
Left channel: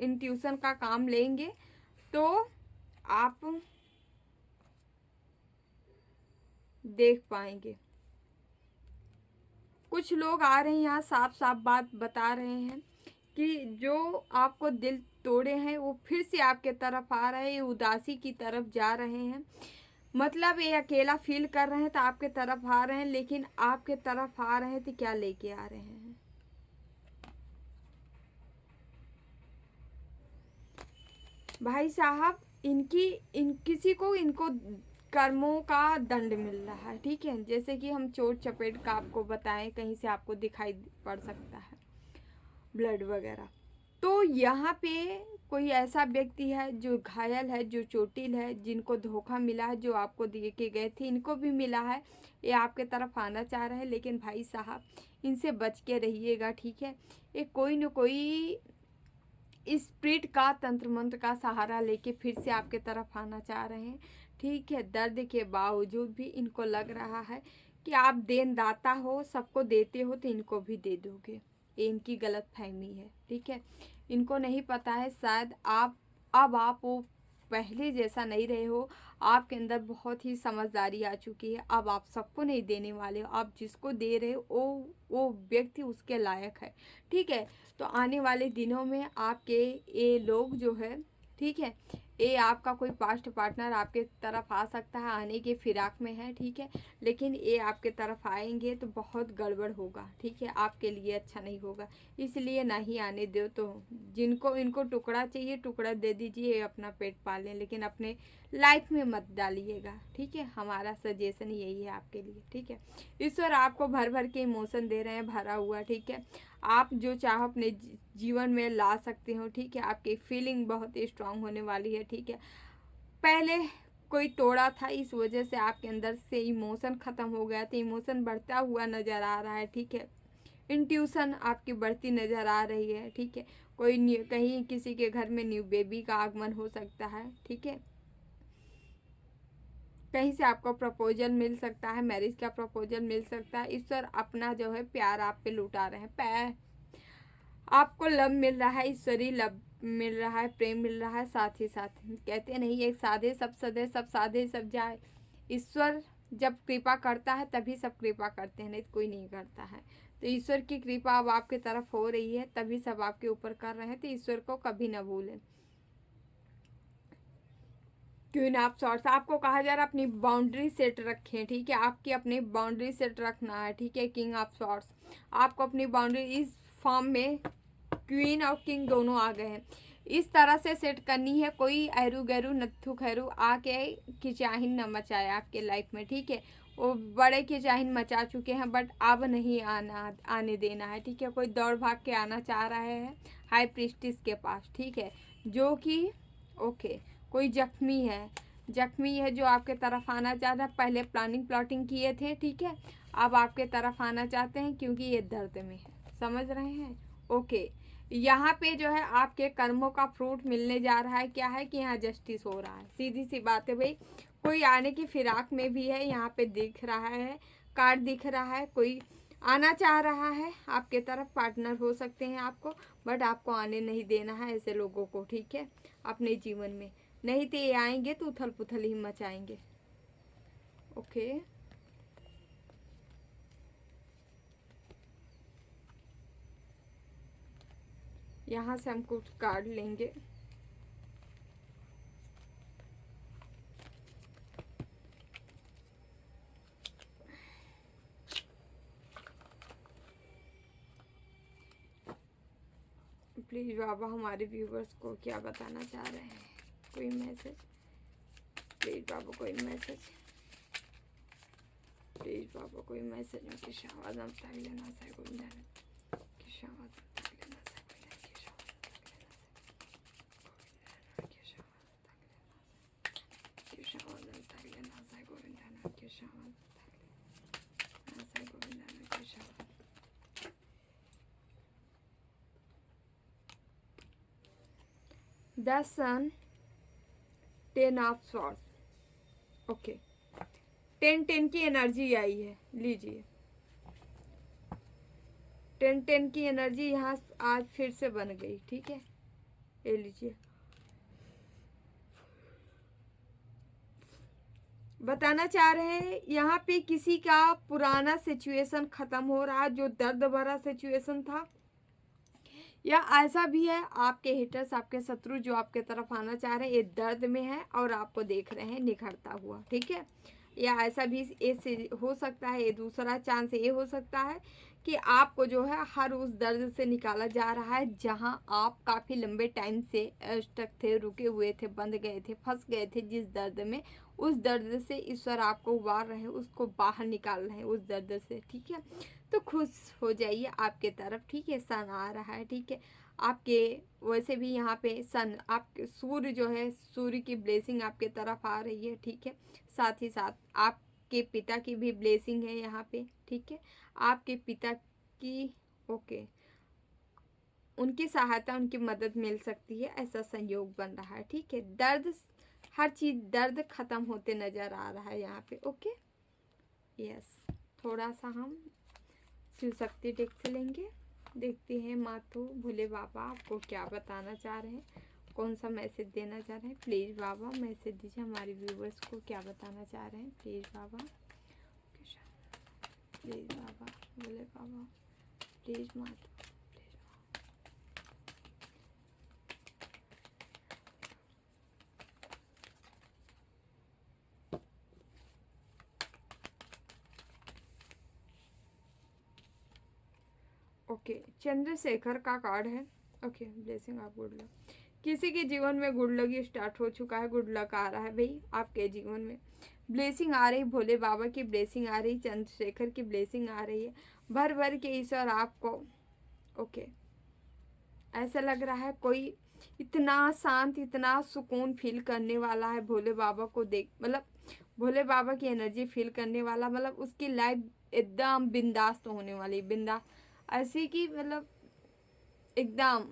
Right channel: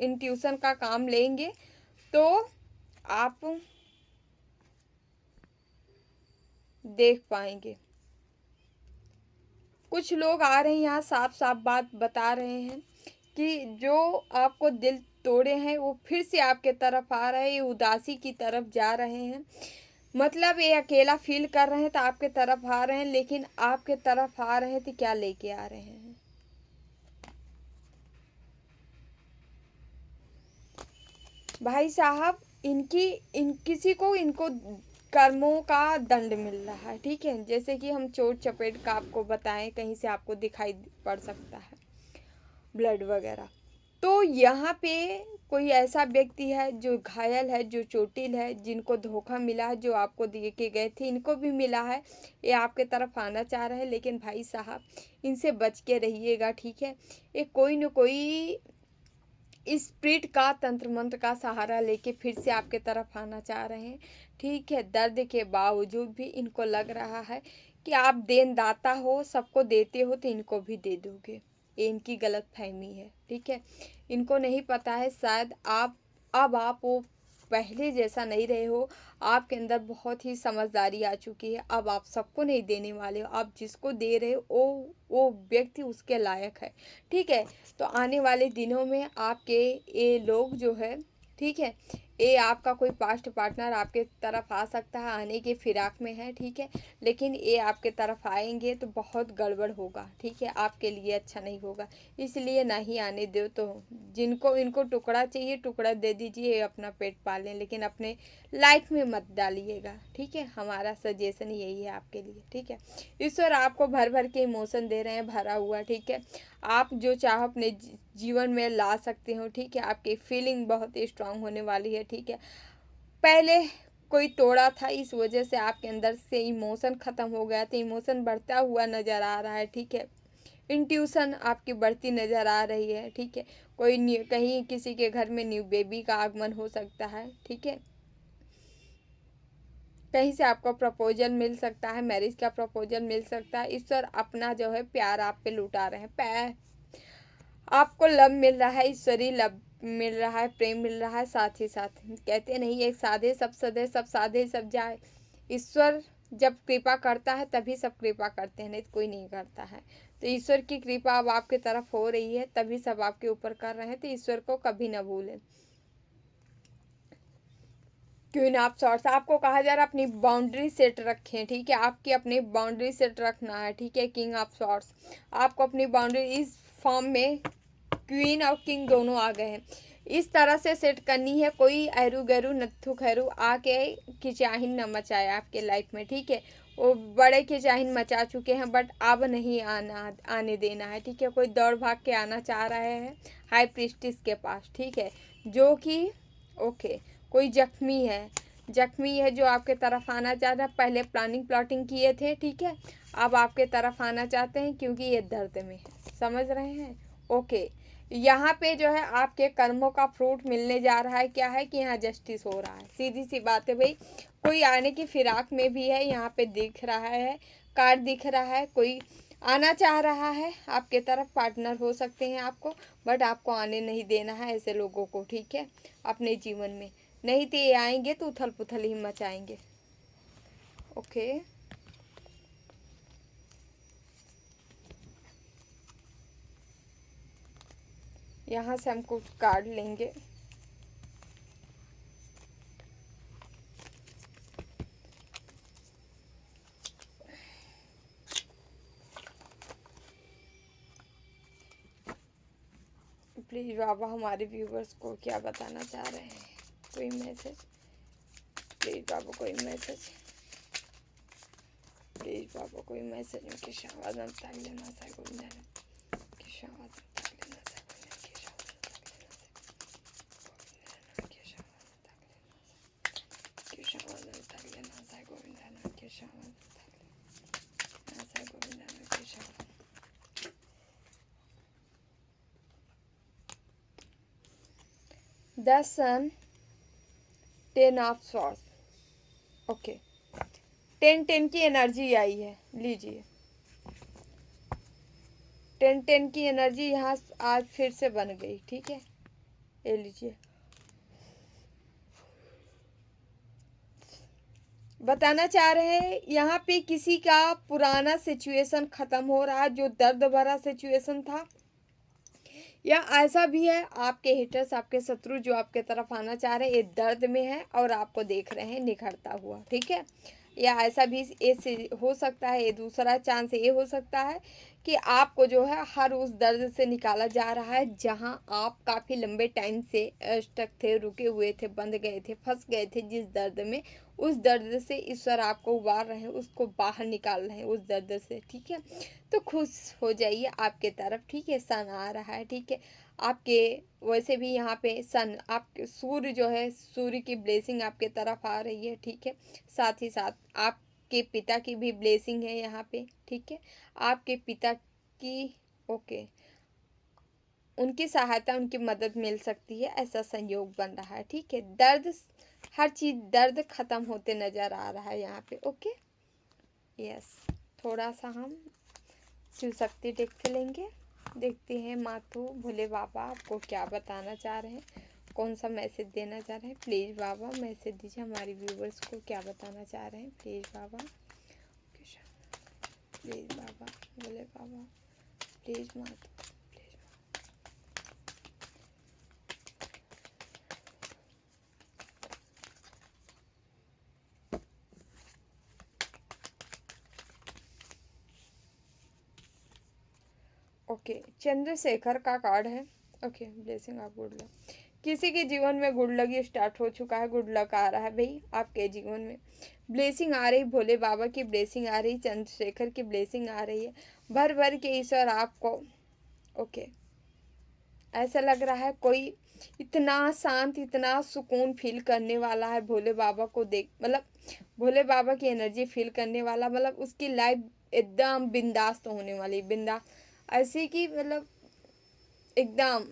इंट्यूशन का काम लेंगे तो आप देख पाएंगे। कुछ लोग आ रहे हैं यहाँ, साफ साफ बात बता रहे हैं कि जो आपको दिल तोड़े हैं वो फिर से आपके तरफ आ रहे हैं, ये उदासी की तरफ जा रहे हैं, मतलब ये अकेला फील कर रहे हैं तो आपके तरफ आ रहे हैं, लेकिन आपके तरफ आ रहे हैं तो क्या लेके आ रहे हैं। भाई साहब, किसी को इनको कर्मों का दंड मिल रहा है, ठीक है। जैसे कि हम चोट चपेट का आपको बताएं, कहीं से आपको दिखाई पड़ सकता है ब्लड वगैरह। तो यहाँ पे कोई ऐसा व्यक्ति है जो घायल है, जो चोटिल है, जिनको धोखा मिला है, जो आपको दिए के गए थे, इनको भी मिला है, ये आपके तरफ आना चाह रहे हैं, लेकिन भाई साहब इनसे बच के रहिएगा, ठीक है। ये कोई न कोई स्पिरिट का, तंत्र मंत्र का सहारा लेके फिर से आपके तरफ आना चाह रहे हैं, ठीक है। दर्द के बावजूद भी इनको लग रहा है कि आप देनदाता हो, सबको देते हो तो इनको भी दे दोगे, ये इनकी गलत फहमी है, ठीक है। इनको नहीं पता है शायद अब आप वो पहले जैसा नहीं रहे हो, आपके अंदर बहुत ही समझदारी आ चुकी है। अब आप सबको नहीं देने वाले हो, आप जिसको दे रहे हो वो व्यक्ति उसके लायक है, ठीक है। तो आने वाले दिनों में आपके ये लोग जो है, ठीक है, ये आपका कोई पास्ट पार्टनर आपके तरफ आ सकता है, आने के फिराक में है, ठीक है। लेकिन ये आपके तरफ आएंगे तो बहुत गड़बड़ होगा, ठीक है, आपके लिए अच्छा नहीं होगा, इसलिए ना ही आने दो। तो जिनको इनको टुकड़ा चाहिए टुकड़ा दे दीजिए, अपना पेट पालें, लेकिन अपने लाइफ में मत डालिएगा, ठीक है। हमारा सजेशन यही है आपके लिए, ठीक है। ईश्वर आपको भर भर के इमोशन दे रहे हैं, भरा हुआ, ठीक है। आप जो चाहो अपने जीवन में ला सकते हो, ठीक है। आपकी फीलिंग बहुत ही स्ट्रांग होने वाली है, ठीक है। पहले कोई तोड़ा था, इस वजह से आपके अंदर से इमोशन ख़त्म हो गया था, इमोशन बढ़ता हुआ नज़र आ रहा है, ठीक है। इंट्यूशन आपकी बढ़ती नज़र आ रही है, ठीक है। कोई कहीं किसी के घर में न्यू बेबी का आगमन हो सकता है, ठीक है। कहीं से आपको प्रपोजल मिल सकता है, मैरिज का प्रपोजल मिल सकता है। ईश्वर अपना जो है प्यार आप पे लुटा रहे हैं, आपको लव मिल रहा है, ईश्वरीय लव मिल रहा है, प्रेम मिल रहा है। साथ ही साथ कहते नहीं, एक साधे सब सधे, सब साधे सब जाए। ईश्वर जब कृपा करता है तभी सब कृपा करते हैं, नहीं तो कोई नहीं करता है। तो ईश्वर की कृपा अब आपके तरफ हो रही है, तभी सब आपके ऊपर कर रहे हैं, तो ईश्वर को कभी ना भूलें। क्वीन ऑफ सॉर्ट्स, आपको कहा जा रहा है अपनी बाउंड्री सेट रखें, ठीक है। आपकी अपनी बाउंड्री सेट रखना है, ठीक है। किंग ऑफ सॉर्ट्स, आपको अपनी बाउंड्री इस फॉर्म में क्वीन और किंग दोनों आ गए हैं, इस तरह से सेट करनी है। कोई एरू गैरू नत्थु खैरू आके खिंचाहिन न मचाए आपके लाइफ में, ठीक है। वो बड़े खिंचाहिन मचा चुके हैं, बट अब नहीं आने देना है, ठीक है। कोई दौड़ भाग के आना चाह रहे हैं हाई प्रीस्टिस के पास, ठीक है, जो कि ओके। कोई जख्मी है जो आपके तरफ आना चाहता है, पहले प्लानिंग प्लॉटिंग किए थे, ठीक है, अब आपके तरफ आना चाहते हैं क्योंकि ये दर्द में है, समझ रहे हैं। ओके, यहाँ पे जो है आपके कर्मों का फ्रूट मिलने जा रहा है। क्या है कि यहाँ जस्टिस हो रहा है, सीधी सी बात है भाई। कोई आने की फिराक में भी है, यहाँ पे दिख रहा है, कार्ड दिख रहा है, कोई आना चाह रहा है आपके तरफ, पार्टनर हो सकते हैं आपको, बट आपको आने नहीं देना है ऐसे लोगों को, ठीक है, अपने जीवन में। नहीं तो ये आएंगे तो उथल पुथल ही मचाएंगे। ओके, यहाँ से हम कुछ कार्ड लेंगे। प्लीज बाबा हमारे व्यूवर्स को क्या बताना चाह रहे हैं, कोई मैसेज, प्लीज बाबा कोई मैसेज, प्लीज बाबा कोई मैसेज। उनकी शावादन तक लेना सा गुंजन की शावादन तक लेना सा गुंजन की शावादन तक लेना सा गुंजन की शावादन तक लेना सा गुंजन की शावादन। The Sun, 10 of Swords। Okay, 10-10 की एनर्जी आई है, लीजिए 10-10 की एनर्जी यहाँ आज फिर से बन गई, ठीक है, ये लीजिए। बताना चाह रहे हैं यहाँ पे किसी का पुराना सिचुएशन खत्म हो रहा है, जो दर्द भरा सिचुएशन था, या ऐसा भी है आपके हेटर्स, आपके शत्रु जो आपके तरफ आना चाह रहे हैं, ये दर्द में है और आपको देख रहे हैं निखरता हुआ, ठीक है। या ऐसा भी ऐसे हो सकता है, ये दूसरा चांस ये हो सकता है कि आपको जो है हर उस दर्द से निकाला जा रहा है जहां आप काफ़ी लंबे टाइम से स्टक थे, रुके हुए थे, बंद गए थे, फंस गए थे जिस दर्द में, उस दर्द से ईश्वर आपको उबार रहे हैं, उसको बाहर निकाल रहे हैं उस दर्द से, ठीक है। तो खुश हो जाइए आपके तरफ, ठीक है, सन आ रहा है, ठीक है। आपके वैसे भी यहाँ पे सन, आपके सूर्य जो है, सूर्य की ब्लेसिंग आपके तरफ आ रही है, ठीक है। साथ ही साथ आपके पिता की भी ब्लेसिंग है यहाँ पे, ठीक है। आपके पिता की, ओके, उनकी सहायता, उनकी मदद मिल सकती है, ऐसा संयोग बन रहा है, ठीक है। दर्द, हर चीज़ दर्द खत्म होते नज़र आ रहा है यहाँ पे, ओके, यस। थोड़ा सा हम शिव शक्ति टेक से लेंगे, देखते हैं मातू भोले बाबा आपको क्या बताना चाह रहे हैं, कौन सा मैसेज देना चाह रहे हैं। प्लीज़ बाबा मैसेज दीजिए हमारे व्यूवर्स को, क्या बताना चाह रहे हैं, please Baba, please Baba Bhole Baba, please मातू, ओके, चंद्रशेखर का कार्ड है, okay, blessing of good luck. किसी के जीवन में गुड लक स्टार्ट हो चुका है, गुड लक आ रहा है भाई आपके जीवन में, ब्लेसिंग आ रही, भोले बाबा की ब्लेसिंग आ रही, चंद्रशेखर की ब्लेसिंग आ रही है, भर भर के ईश्वर आपको, ओके, ऐसा लग रहा है कोई इतना शांत, इतना सुकून फील करने वाला है भोले बाबा को देख, मतलब भोले बाबा की एनर्जी फील करने वाला, मतलब उसकी लाइफ एकदम बिंदास होने वाली, बिंदास ऐसी कि मतलब एकदम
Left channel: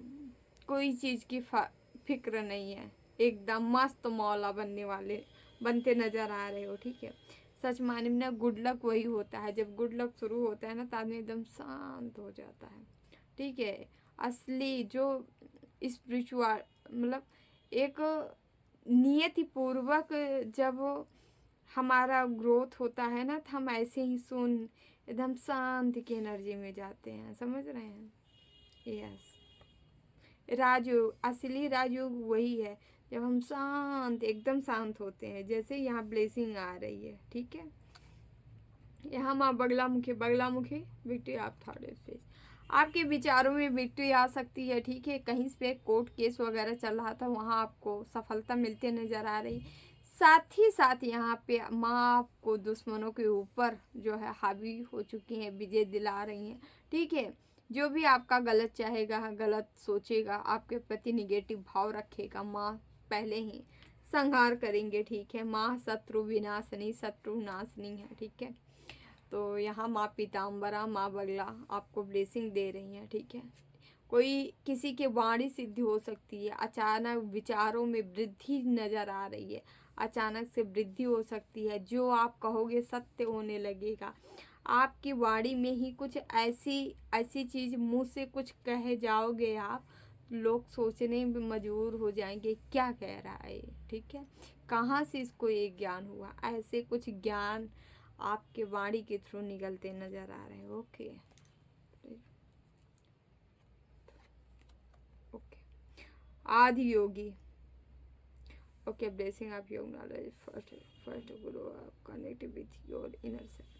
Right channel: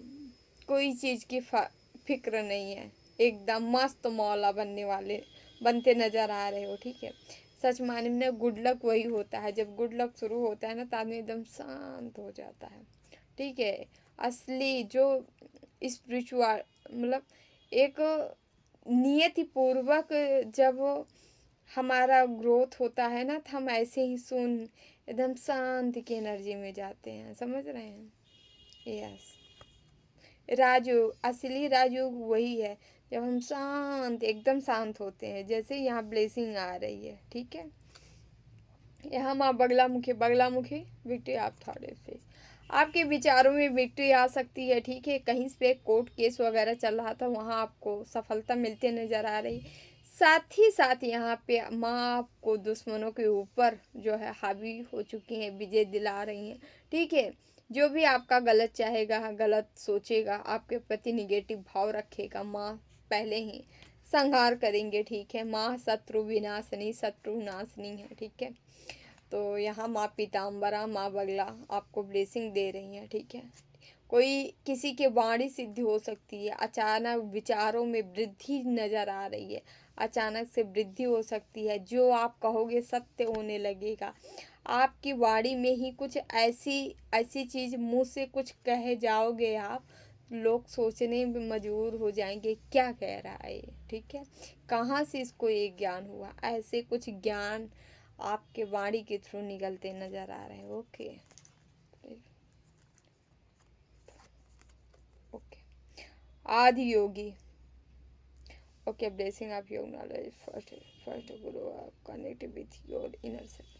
कोई चीज़ की फिक्र नहीं है, एकदम मस्त मौला बनने वाले, बनते नज़र आ रहे हो, ठीक है। सच माने में गुड लक वही होता है, जब गुड लक शुरू होता है ना तो आदमी एकदम शांत हो जाता है, ठीक है। असली जो स्पिरिचुअल, मतलब एक नियति पूर्वक जब हमारा ग्रोथ होता है ना, तो हम ऐसे ही सुन एकदम शांति की एनर्जी में जाते हैं, समझ रहे हैं, यस। राजयोग, असली राजयोग वही है जब हम शांत, एकदम शांत होते हैं, जैसे यहाँ ब्लेसिंग आ रही है, ठीक है। यहाँ माँ बगलामुखी, बगलामुखी विक्ट्री आप थोड़े पे आपके विचारों में विक्ट्री आ सकती है, ठीक है। कहीं पे कोर्ट केस वगैरह चल रहा था, वहाँ आपको सफलता मिलते नज़र आ रही, साथ ही साथ यहाँ पे माँ आपको दुश्मनों के ऊपर जो है हावी हो चुकी हैं, विजय दिला रही हैं, ठीक है। जो भी आपका गलत चाहेगा, गलत सोचेगा, आपके प्रति निगेटिव भाव रखेगा, माँ पहले ही संहार करेंगे, ठीक है। माँ शत्रु विनाशनी, शत्रु नाशनी है, ठीक है। तो यहाँ माँ पीताम्बरा, माँ बगला आपको ब्लेसिंग दे रही हैं, ठीक है। कोई किसी के वाणी सिद्धि हो सकती है, अचानक विचारों में वृद्धि नज़र आ रही है, अचानक से वृद्धि हो सकती है, जो आप कहोगे सत्य होने लगेगा, आपकी वाणी में ही कुछ ऐसी ऐसी चीज़ मुंह से कुछ कहे जाओगे आप, लोग सोचने में मजबूर हो जाएंगे क्या कह रहा है ये, ठीक है, कहाँ से इसको ये ज्ञान हुआ। ऐसे कुछ ज्ञान आपके वाणी के थ्रू निकलते नजर आ रहे हैं। Okay okay. Adi Yogi. Okay, blessing of your knowledge first first guru connect with your inner self.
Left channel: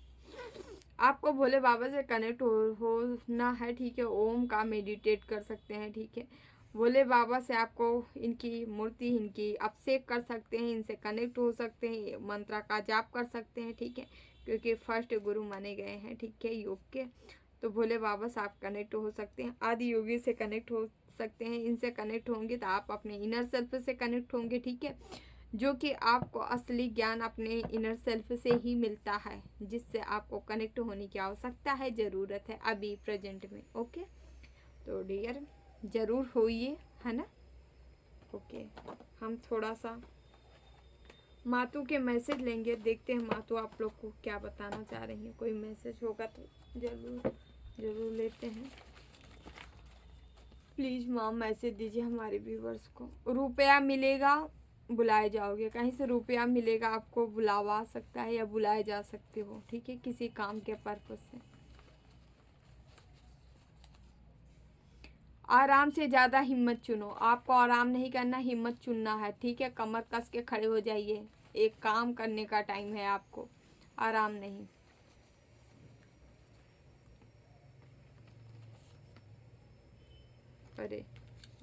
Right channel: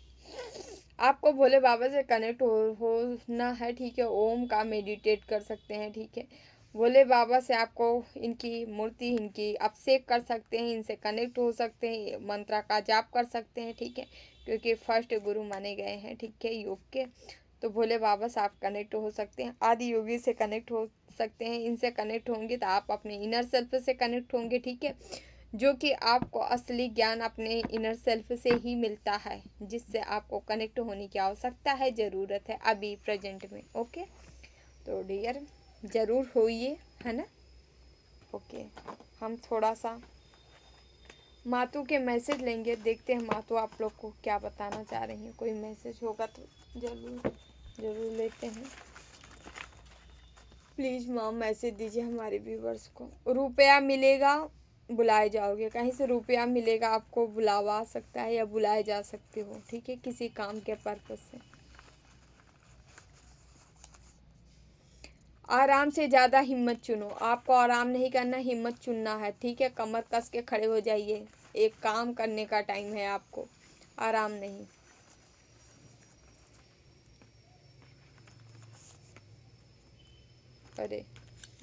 आपको भोले बाबा से कनेक्ट होना है, ठीक है। ओम का मेडिटेट कर सकते हैं, ठीक है। भोले बाबा से आपको इनकी मूर्ति, इनकी अभिषेक कर सकते हैं, इनसे कनेक्ट हो सकते हैं, मंत्रा का जाप कर सकते हैं, ठीक है, क्योंकि फर्स्ट गुरु माने गए हैं, ठीक है, योग के। तो भोले बाबा से आप कनेक्ट हो सकते हैं, आदि योगी से कनेक्ट हो सकते हैं। इनसे कनेक्ट होंगे तो आप अपने इनर सेल्फ से कनेक्ट होंगे, ठीक है, जो कि आपको असली ज्ञान अपने इनर सेल्फ से ही मिलता है, जिससे आपको कनेक्ट होने की आवश्यकता है, ज़रूरत है अभी प्रेजेंट में। ओके, तो डियर ज़रूर होइए, है ना। ओके, हम थोड़ा सा मातू के मैसेज लेंगे, देखते हैं मातू आप लोग को क्या बताना चाह रही हैं। कोई मैसेज होगा तो ज़रूर ज़रूर लेते हैं। प्लीज़ माम मैसेज दीजिए हमारे व्यूवर्स को। रुपया मिलेगा, बुलाए जाओगे, कहीं से रुपया मिलेगा, आपको बुलावा सकता है या बुलाए जा सकते हो, ठीक है, किसी काम के पर्पज से। आराम से ज़्यादा हिम्मत चुनो, आपको आराम नहीं करना, हिम्मत चुनना है, ठीक है। कमर कस के खड़े हो जाइए, एक काम करने का टाइम है आपको, आराम नहीं। अरे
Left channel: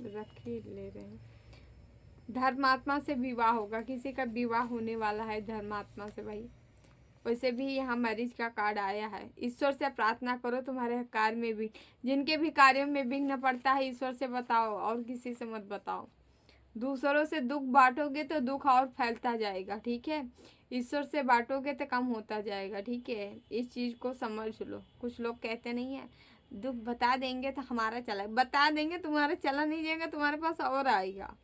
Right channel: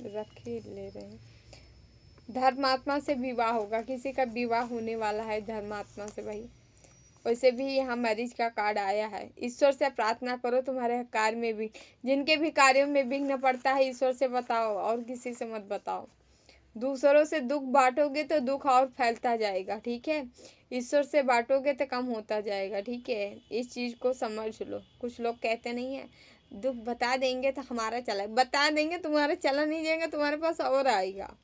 रख ही ले रहे हैं। धर्मात्मा से विवाह होगा, किसी का विवाह होने वाला है धर्मात्मा से भाई। वैसे भी यहाँ मैरिज का कार्ड आया है। ईश्वर से प्रार्थना करो तुम्हारे कार्य में भी, जिनके भी कार्यों में विघ्न पड़ता है ईश्वर से बताओ, और किसी से मत बताओ। दूसरों से दुख बांटोगे तो दुख और फैलता जाएगा, ठीक है। ईश्वर से बांटोगे तो कम होता जाएगा, ठीक है। इस चीज़ को समझ लो। कुछ लोग कहते नहीं है दुख बता देंगे तो हमारा चला, बता देंगे तुम्हारा चला नहीं जाएगा, तुम्हारे पास और आएगा।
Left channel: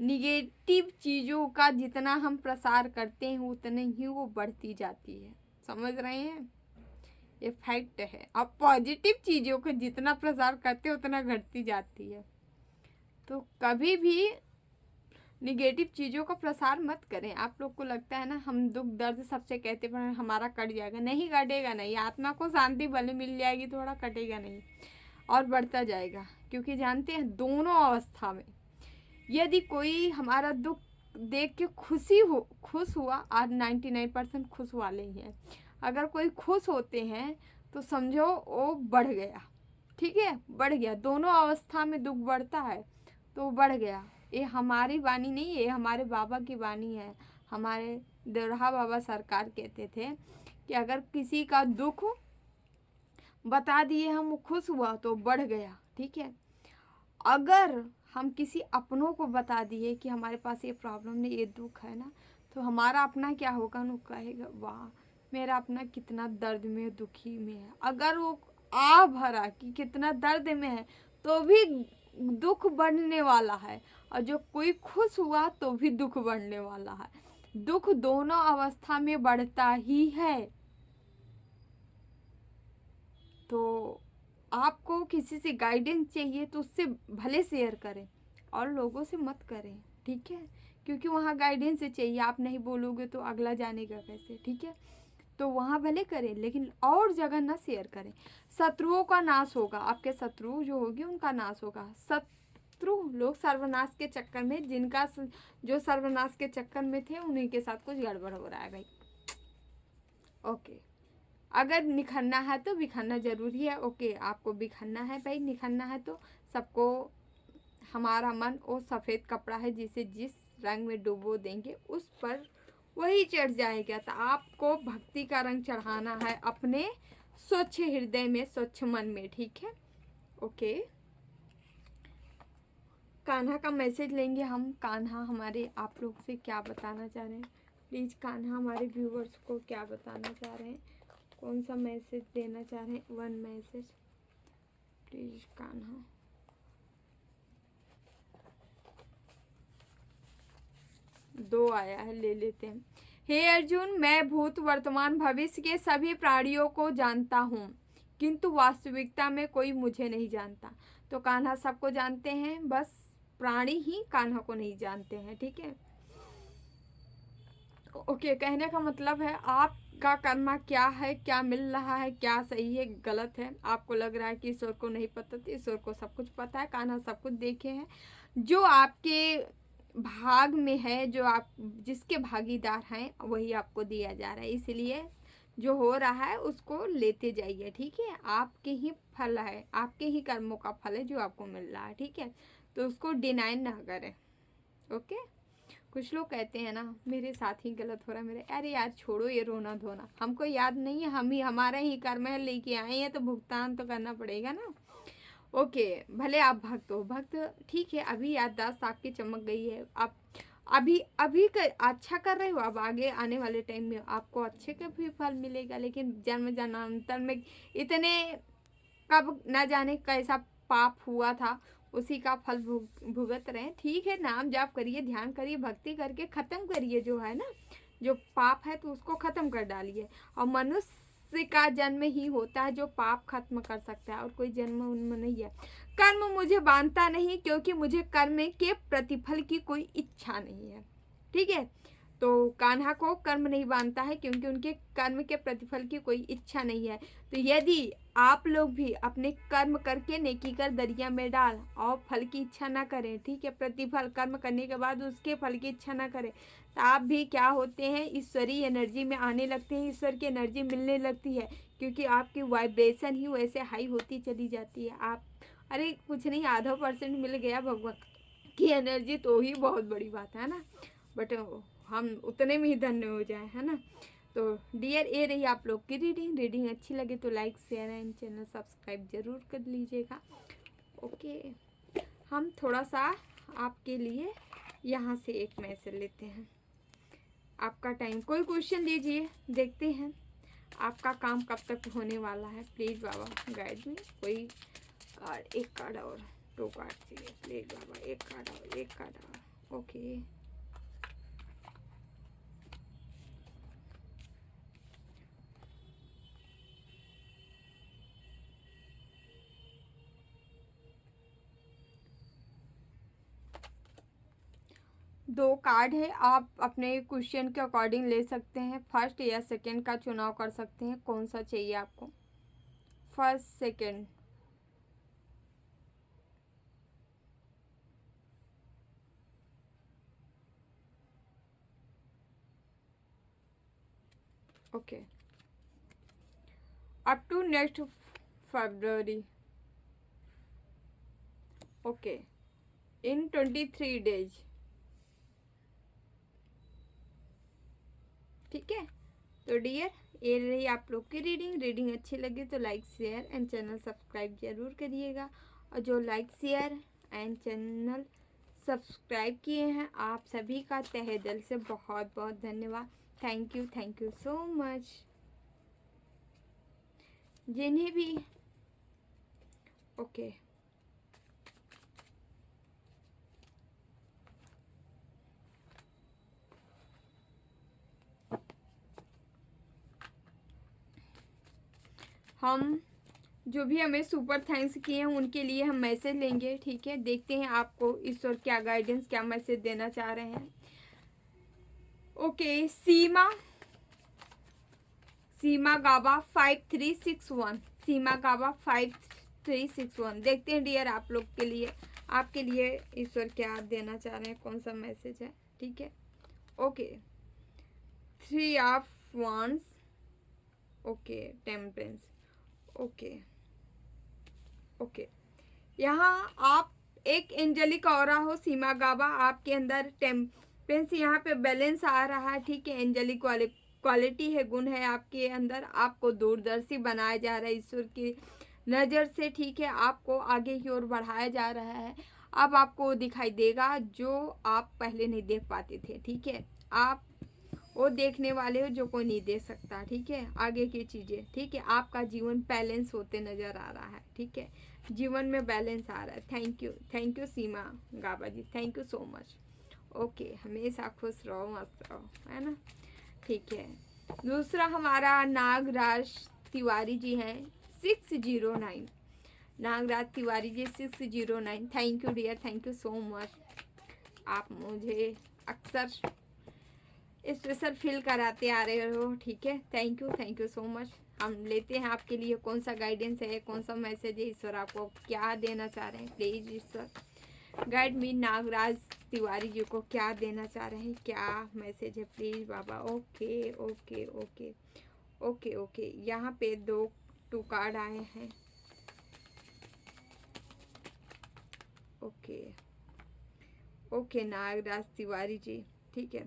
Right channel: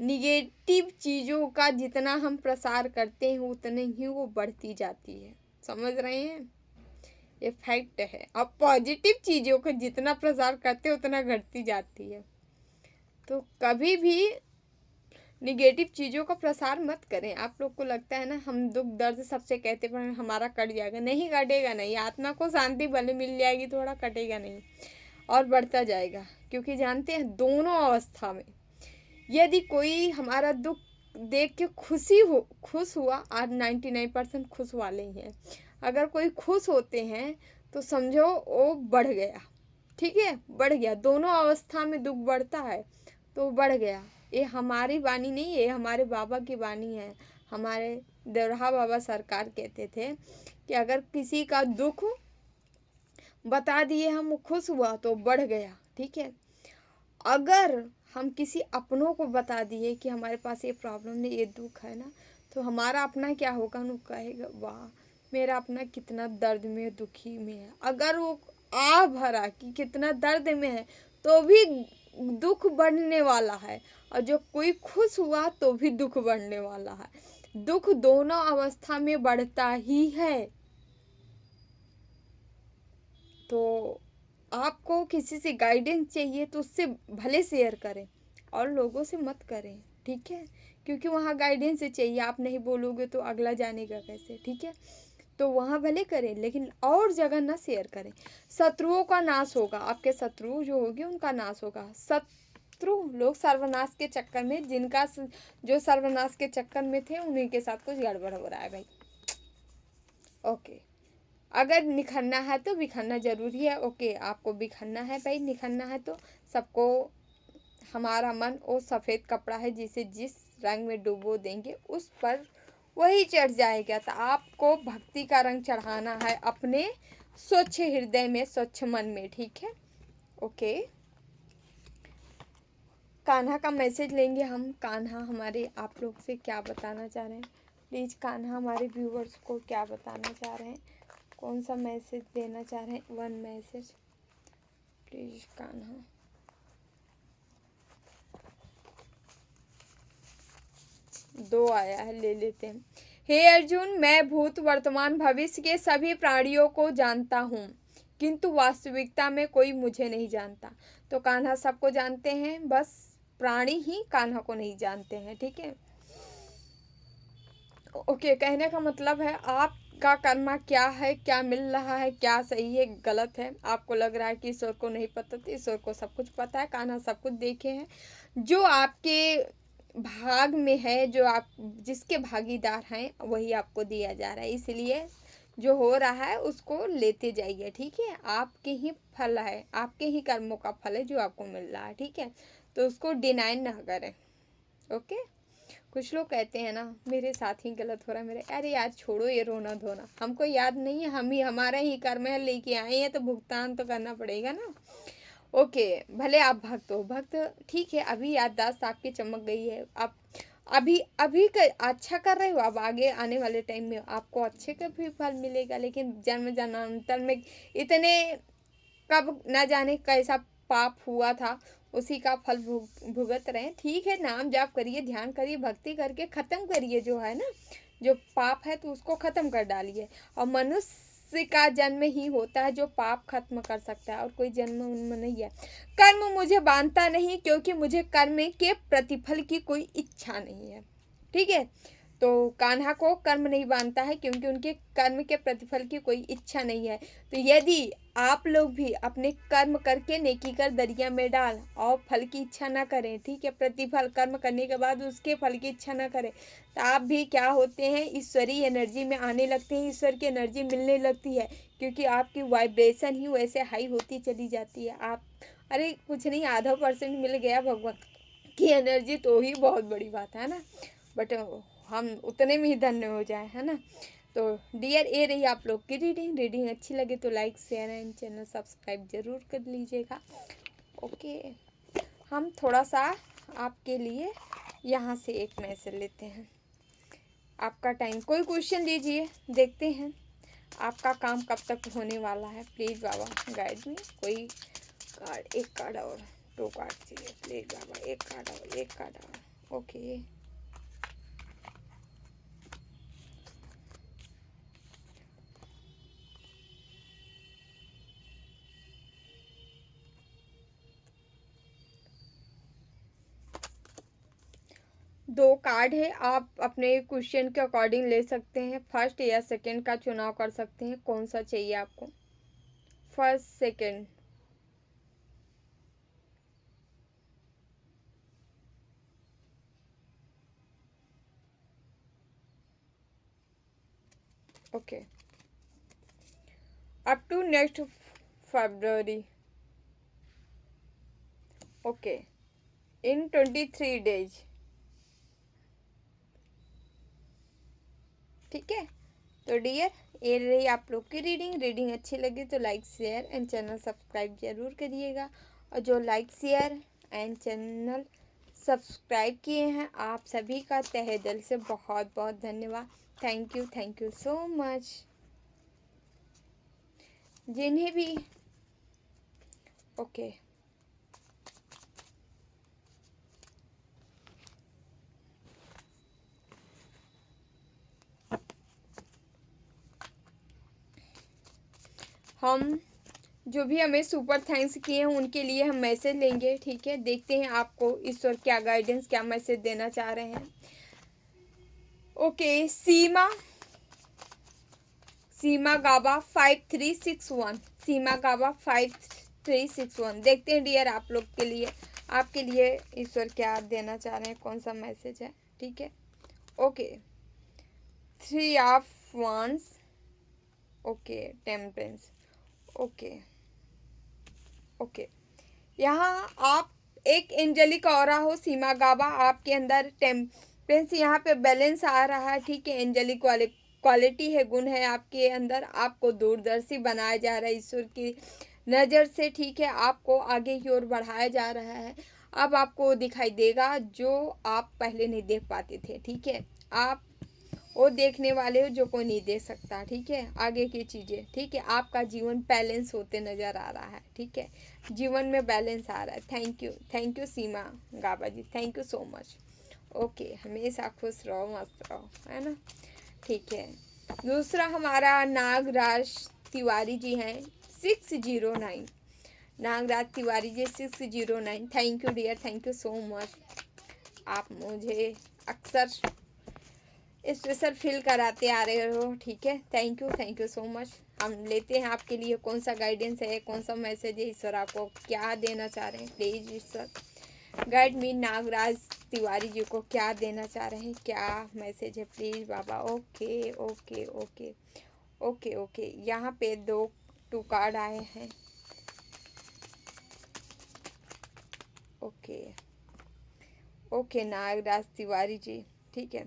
निगेटिव चीज़ों का जितना हम प्रसार करते हैं उतने ही वो बढ़ती जाती है, समझ रहे हैं, ये फैक्ट है। अब पॉजिटिव चीज़ों का जितना प्रसार करते हैं उतना घटती जाती है। तो कभी भी निगेटिव चीज़ों का प्रसार मत करें। आप लोग को लगता है ना हम दुख दर्द सबसे कहते पर हमारा कट जाएगा, नहीं कटेगा, नहीं। आत्मा को शांति भले मिल जाएगी, थोड़ा कटेगा नहीं और बढ़ता जाएगा। क्योंकि जानते हैं दोनों अवस्था में यदि कोई हमारा दुख देख के खुश हुआ, आज 99% खुश वाले ही हैं। अगर कोई खुश होते हैं तो समझो वो बढ़ गया, ठीक है, बढ़ गया। दोनों अवस्था में दुख बढ़ता है तो बढ़ गया। ये हमारी वाणी नहीं है, ये हमारे बाबा की वाणी है। हमारे दरहा बाबा सरकार कहते थे कि अगर किसी का दुख बता दिए हम, खुश हुआ तो बढ़ गया, ठीक है। अगर हम किसी अपनों को बता दिए कि हमारे पास ये प्रॉब्लम नहीं, ये दुख है ना, तो हमारा अपना क्या होगा, वो कहेगा वाह मेरा अपना कितना दर्द में दुखी में है। अगर वो आ भरा कि कितना दर्द में है तो भी दुख बढ़ने वाला है, और जो कोई खुश हुआ तो भी दुख बढ़ने वाला है। दुख दोनों अवस्था में बढ़ता ही है। तो आपको किसी से गाइडेंस चाहिए तो उससे भले शेयर करें और लोगों से मत करें, ठीक है, क्योंकि वहाँ गाइडेंस चाहिए। आप नहीं बोलोगे तो अगला जानेगा कैसे, ठीक है। तो वहाँ भले करें लेकिन और जगह ना शेयर करें। शत्रुओं का नाश होगा, आपके शत्रु जो होंगे उनका नाश होगा। शत्रु लोग सर्वनाश के चक्कर में, जिनका जो सर्वनाश के चक्कर में थे उन्हीं के साथ कुछ गड़बड़ हो रहा है भाई। ओके, अगर निखरना है तो बिखरना ज़रूरी है। ओके, आपको बिखरना है भाई, निखरना है तो सबको। हमारा मन वो सफ़ेद कपड़ा है जिसे जिस रंग में डुबो देंगे उस पर वही चढ़ जाएगा। तो आपको भक्ति का रंग चढ़ाना है अपने स्वच्छ हृदय में, स्वच्छ मन में, ठीक है। ओके, कान्हा का मैसेज लेंगे हम। कान्हा हमारे आप लोग से क्या बताना चाह रहे हैं, प्लीज़ कान्हा हमारे व्यूवर्स को क्या बताना चाह रहे हैं, कौन सा मैसेज देना चाह रहे हैं। One message please Kanha. दो आया है, ले लेते हैं। हे अर्जुन, मैं भूत वर्तमान भविष्य के सभी प्राणियों को जानता हूँ, किंतु वास्तविकता में कोई मुझे नहीं जानता। तो कान्हा सबको जानते हैं, बस प्राणी ही कान्हा को नहीं जानते हैं, ठीक है। ओके, कहने का मतलब है आपका कर्मा क्या है, क्या मिल रहा है, क्या सही है गलत है। आपको लग रहा है कि ईश्वर को नहीं पता, तो ईश्वर को सब कुछ पता है, कान्हा सब कुछ देखे हैं। जो आपके भाग में है, जो आप जिसके भागीदार हैं, वही आपको दिया जा रहा है। इसलिए जो हो रहा है उसको लेते जाइए, ठीक है। आपके ही फल है, आपके ही कर्मों का फल है जो आपको मिल रहा है, ठीक है। तो उसको डिनाई ना करें, ओके। कुछ लोग कहते हैं ना मेरे साथ ही गलत हो रहा है मेरे, अरे यार छोड़ो ये रोना धोना, हमको याद नहीं है, हम ही हमारे ही कर्म है, लेके आए हैं तो भुगतान तो करना पड़ेगा ना। ओके, भले आप भक्त हो, भक्त ठीक है, अभी याददाश्त आपकी चमक गई है, आप अभी अभी अच्छा कर रहे हो, अब आगे आने वाले टाइम में आपको अच्छे का भी फल मिलेगा। लेकिन जन्म जन्मांतर में इतने कब ना जाने कैसा पाप हुआ था, उसी का फल भुगत रहे हैं। ठीक है, नाम जाप करिए, ध्यान करिए, भक्ति करके ख़त्म करिए जो है ना, जो पाप है तो उसको ख़त्म कर डालिए। और मनुष्य का जन्म ही होता है जो पाप खत्म कर सकता है, और कोई जन्म उनमें नहीं है। कर्म मुझे बांधता नहीं, क्योंकि मुझे कर्म के प्रतिफल की कोई इच्छा नहीं है, ठीक है। तो कान्हा को कर्म नहीं बांधता है, क्योंकि उनके कर्म के प्रतिफल की कोई इच्छा नहीं है। तो यदि आप लोग भी अपने कर्म करके नेकी कर दरिया में डाल, और फल की इच्छा ना करें, ठीक है, प्रतिफल कर्म करने के बाद उसके फल की इच्छा ना करें, तो आप भी क्या होते हैं, ईश्वरीय एनर्जी में आने लगते हैं, ईश्वर की एनर्जी मिलने लगती है, क्योंकि आपकी वाइब्रेशन ही वैसे हाई होती चली जाती है। आप अरे कुछ नहीं, आधा % मिल गया भगवान की एनर्जी, तो ही बहुत बड़ी बात है ना। बट हम उतने में ही धन्य हो जाए, है ना। तो डियर, ये रही आप लोग की रीडिंग अच्छी लगे तो like share and channel subscribe जरूर कर लीजिएगा, ओके। हम थोड़ा सा आपके लिए यहाँ से एक मैसेज लेते हैं। आपका टाइम, कोई क्वेश्चन दीजिए, देखते हैं आपका काम कब तक होने वाला है। प्लीज़ बाबा गाइड में, कोई कार्ड, एक कार्ड और 2 कार्ड चाहिए, प्लीज़ बाबा, एक कार्ड और, एक कार्ड और, ओके। दो कार्ड है, आप अपने क्वेश्चन के अकॉर्डिंग ले सकते हैं, फर्स्ट या सेकंड का चुनाव कर सकते हैं, कौन सा चाहिए आपको, first second. Okay, up to next February, okay, in 23 days, ठीक है। तो डियर, ये रही आप लोग की रीडिंग अच्छी लगी तो like share and channel subscribe जरूर करिएगा। और जो like share and channel subscribe किए हैं, आप सभी का तहे दिल से बहुत बहुत धन्यवाद। Thank you so much. जिन्हें भी ओके, हम जो भी हमें सुपर थैंक्स किए हैं उनके लिए हम मैसेज लेंगे, ठीक है। देखते हैं आपको ईश्वर क्या गाइडेंस, क्या मैसेज देना चाह रहे हैं। ओके, सीमा गाबा 5361, सीमा गाबा 5361। देखते हैं डियर आप लोग के लिए, आपके लिए ईश्वर क्या देना चाह रहे हैं, कौन सा मैसेज है, ठीक है। Okay, 3 of wands, okay, temperance, okay okay. यहाँ आप एक एंजेलिक ऑरा हो सीमा गाबा, आपके अंदर टेम्परेंस, यहाँ पे बैलेंस आ रहा है, ठीक है। एंजेलिक वाले क्वालिटी है, गुण है आपके अंदर, आपको दूरदर्शी बनाया जा रहा है ईश्वर की नज़र से, ठीक है। आपको आगे की ओर बढ़ाया जा रहा है। अब आपको दिखाई देगा जो आप पहले नहीं देख पाते थे, ठीक है। आप वो देखने वाले हो जो कोई नहीं देख सकता, ठीक है, आगे की चीज़ें, ठीक है। आपका जीवन बैलेंस होते नज़र आ रहा है, ठीक है, जीवन में बैलेंस आ रहा है। Thank you Seema Gaba ji, thank you so much, okay. हमेशा खुश रहो, मस्त रहो, है ना, ठीक है। दूसरा हमारा नागराज तिवारी जी हैं, 609, Nagraj Tiwari ji 609, thank you dear, thank you so much. आप मुझे अक्सर स्पेशल फील कराते आ रहे हो, ठीक है, थैंक यू सो मच। हम लेते हैं आपके लिए कौन सा गाइडेंस है, कौन सा मैसेज है, ईश्वर आपको क्या देना चाह रहे हैं। Please Ishwar guide me, Nagraj Tiwari ji को क्या देना चाह रहे हैं, क्या मैसेज है, प्लीज़ बाबा। Okay okay okay okay okay, यहाँ पे 2 कार्ड आए हैं। ओके ओके नागराज तिवारी जी, ठीक है।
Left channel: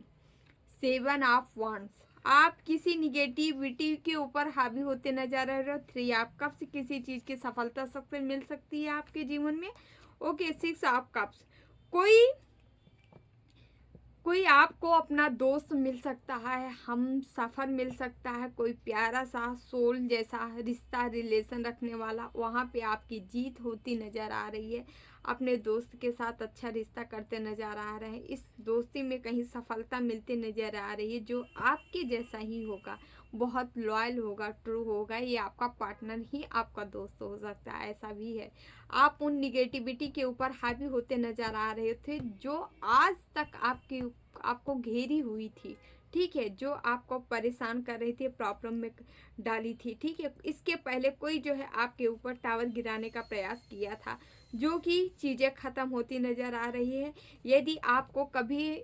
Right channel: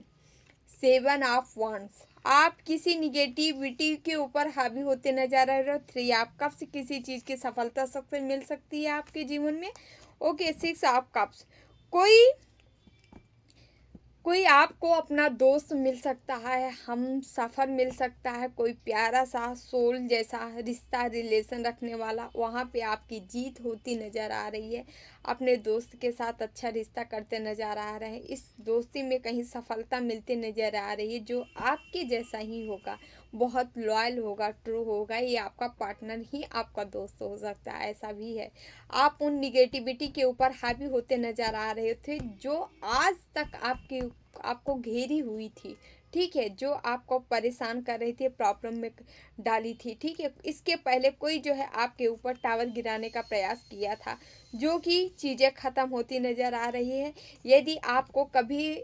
7 ऑफ वॉन्ड्स, आप किसी निगेटिविटी के ऊपर हावी होते नजर आ रहे हो। 3 आप कब से किसी चीज़ की सफलता सबसे मिल सकती है आपके जीवन में। ओके 6 ऑफ कप्स, कोई कोई आपको अपना दोस्त मिल सकता है, हम सफ़र मिल सकता है, कोई प्यारा सा सोल जैसा रिश्ता रिलेशन रखने वाला, वहाँ पे आपकी जीत होती नज़र आ रही है। अपने दोस्त के साथ अच्छा रिश्ता करते नज़र आ रहे हैं, इस दोस्ती में कहीं सफलता मिलती नज़र आ रही है, जो आपके जैसा ही होगा, बहुत लॉयल होगा, ट्रू होगा, ये आपका पार्टनर ही आपका दोस्त हो सकता है, ऐसा भी है। आप उन निगेटिविटी के ऊपर हावी होते नज़र आ रहे थे जो आज तक आपको घेरी हुई थी, ठीक है, जो आपको परेशान कर रही थी, प्रॉब्लम में डाली थी, ठीक है। इसके पहले कोई जो है आपके ऊपर टावर गिराने का प्रयास किया था, जो कि चीज़ें ख़त्म होती नज़र आ रही है। यदि आपको कभी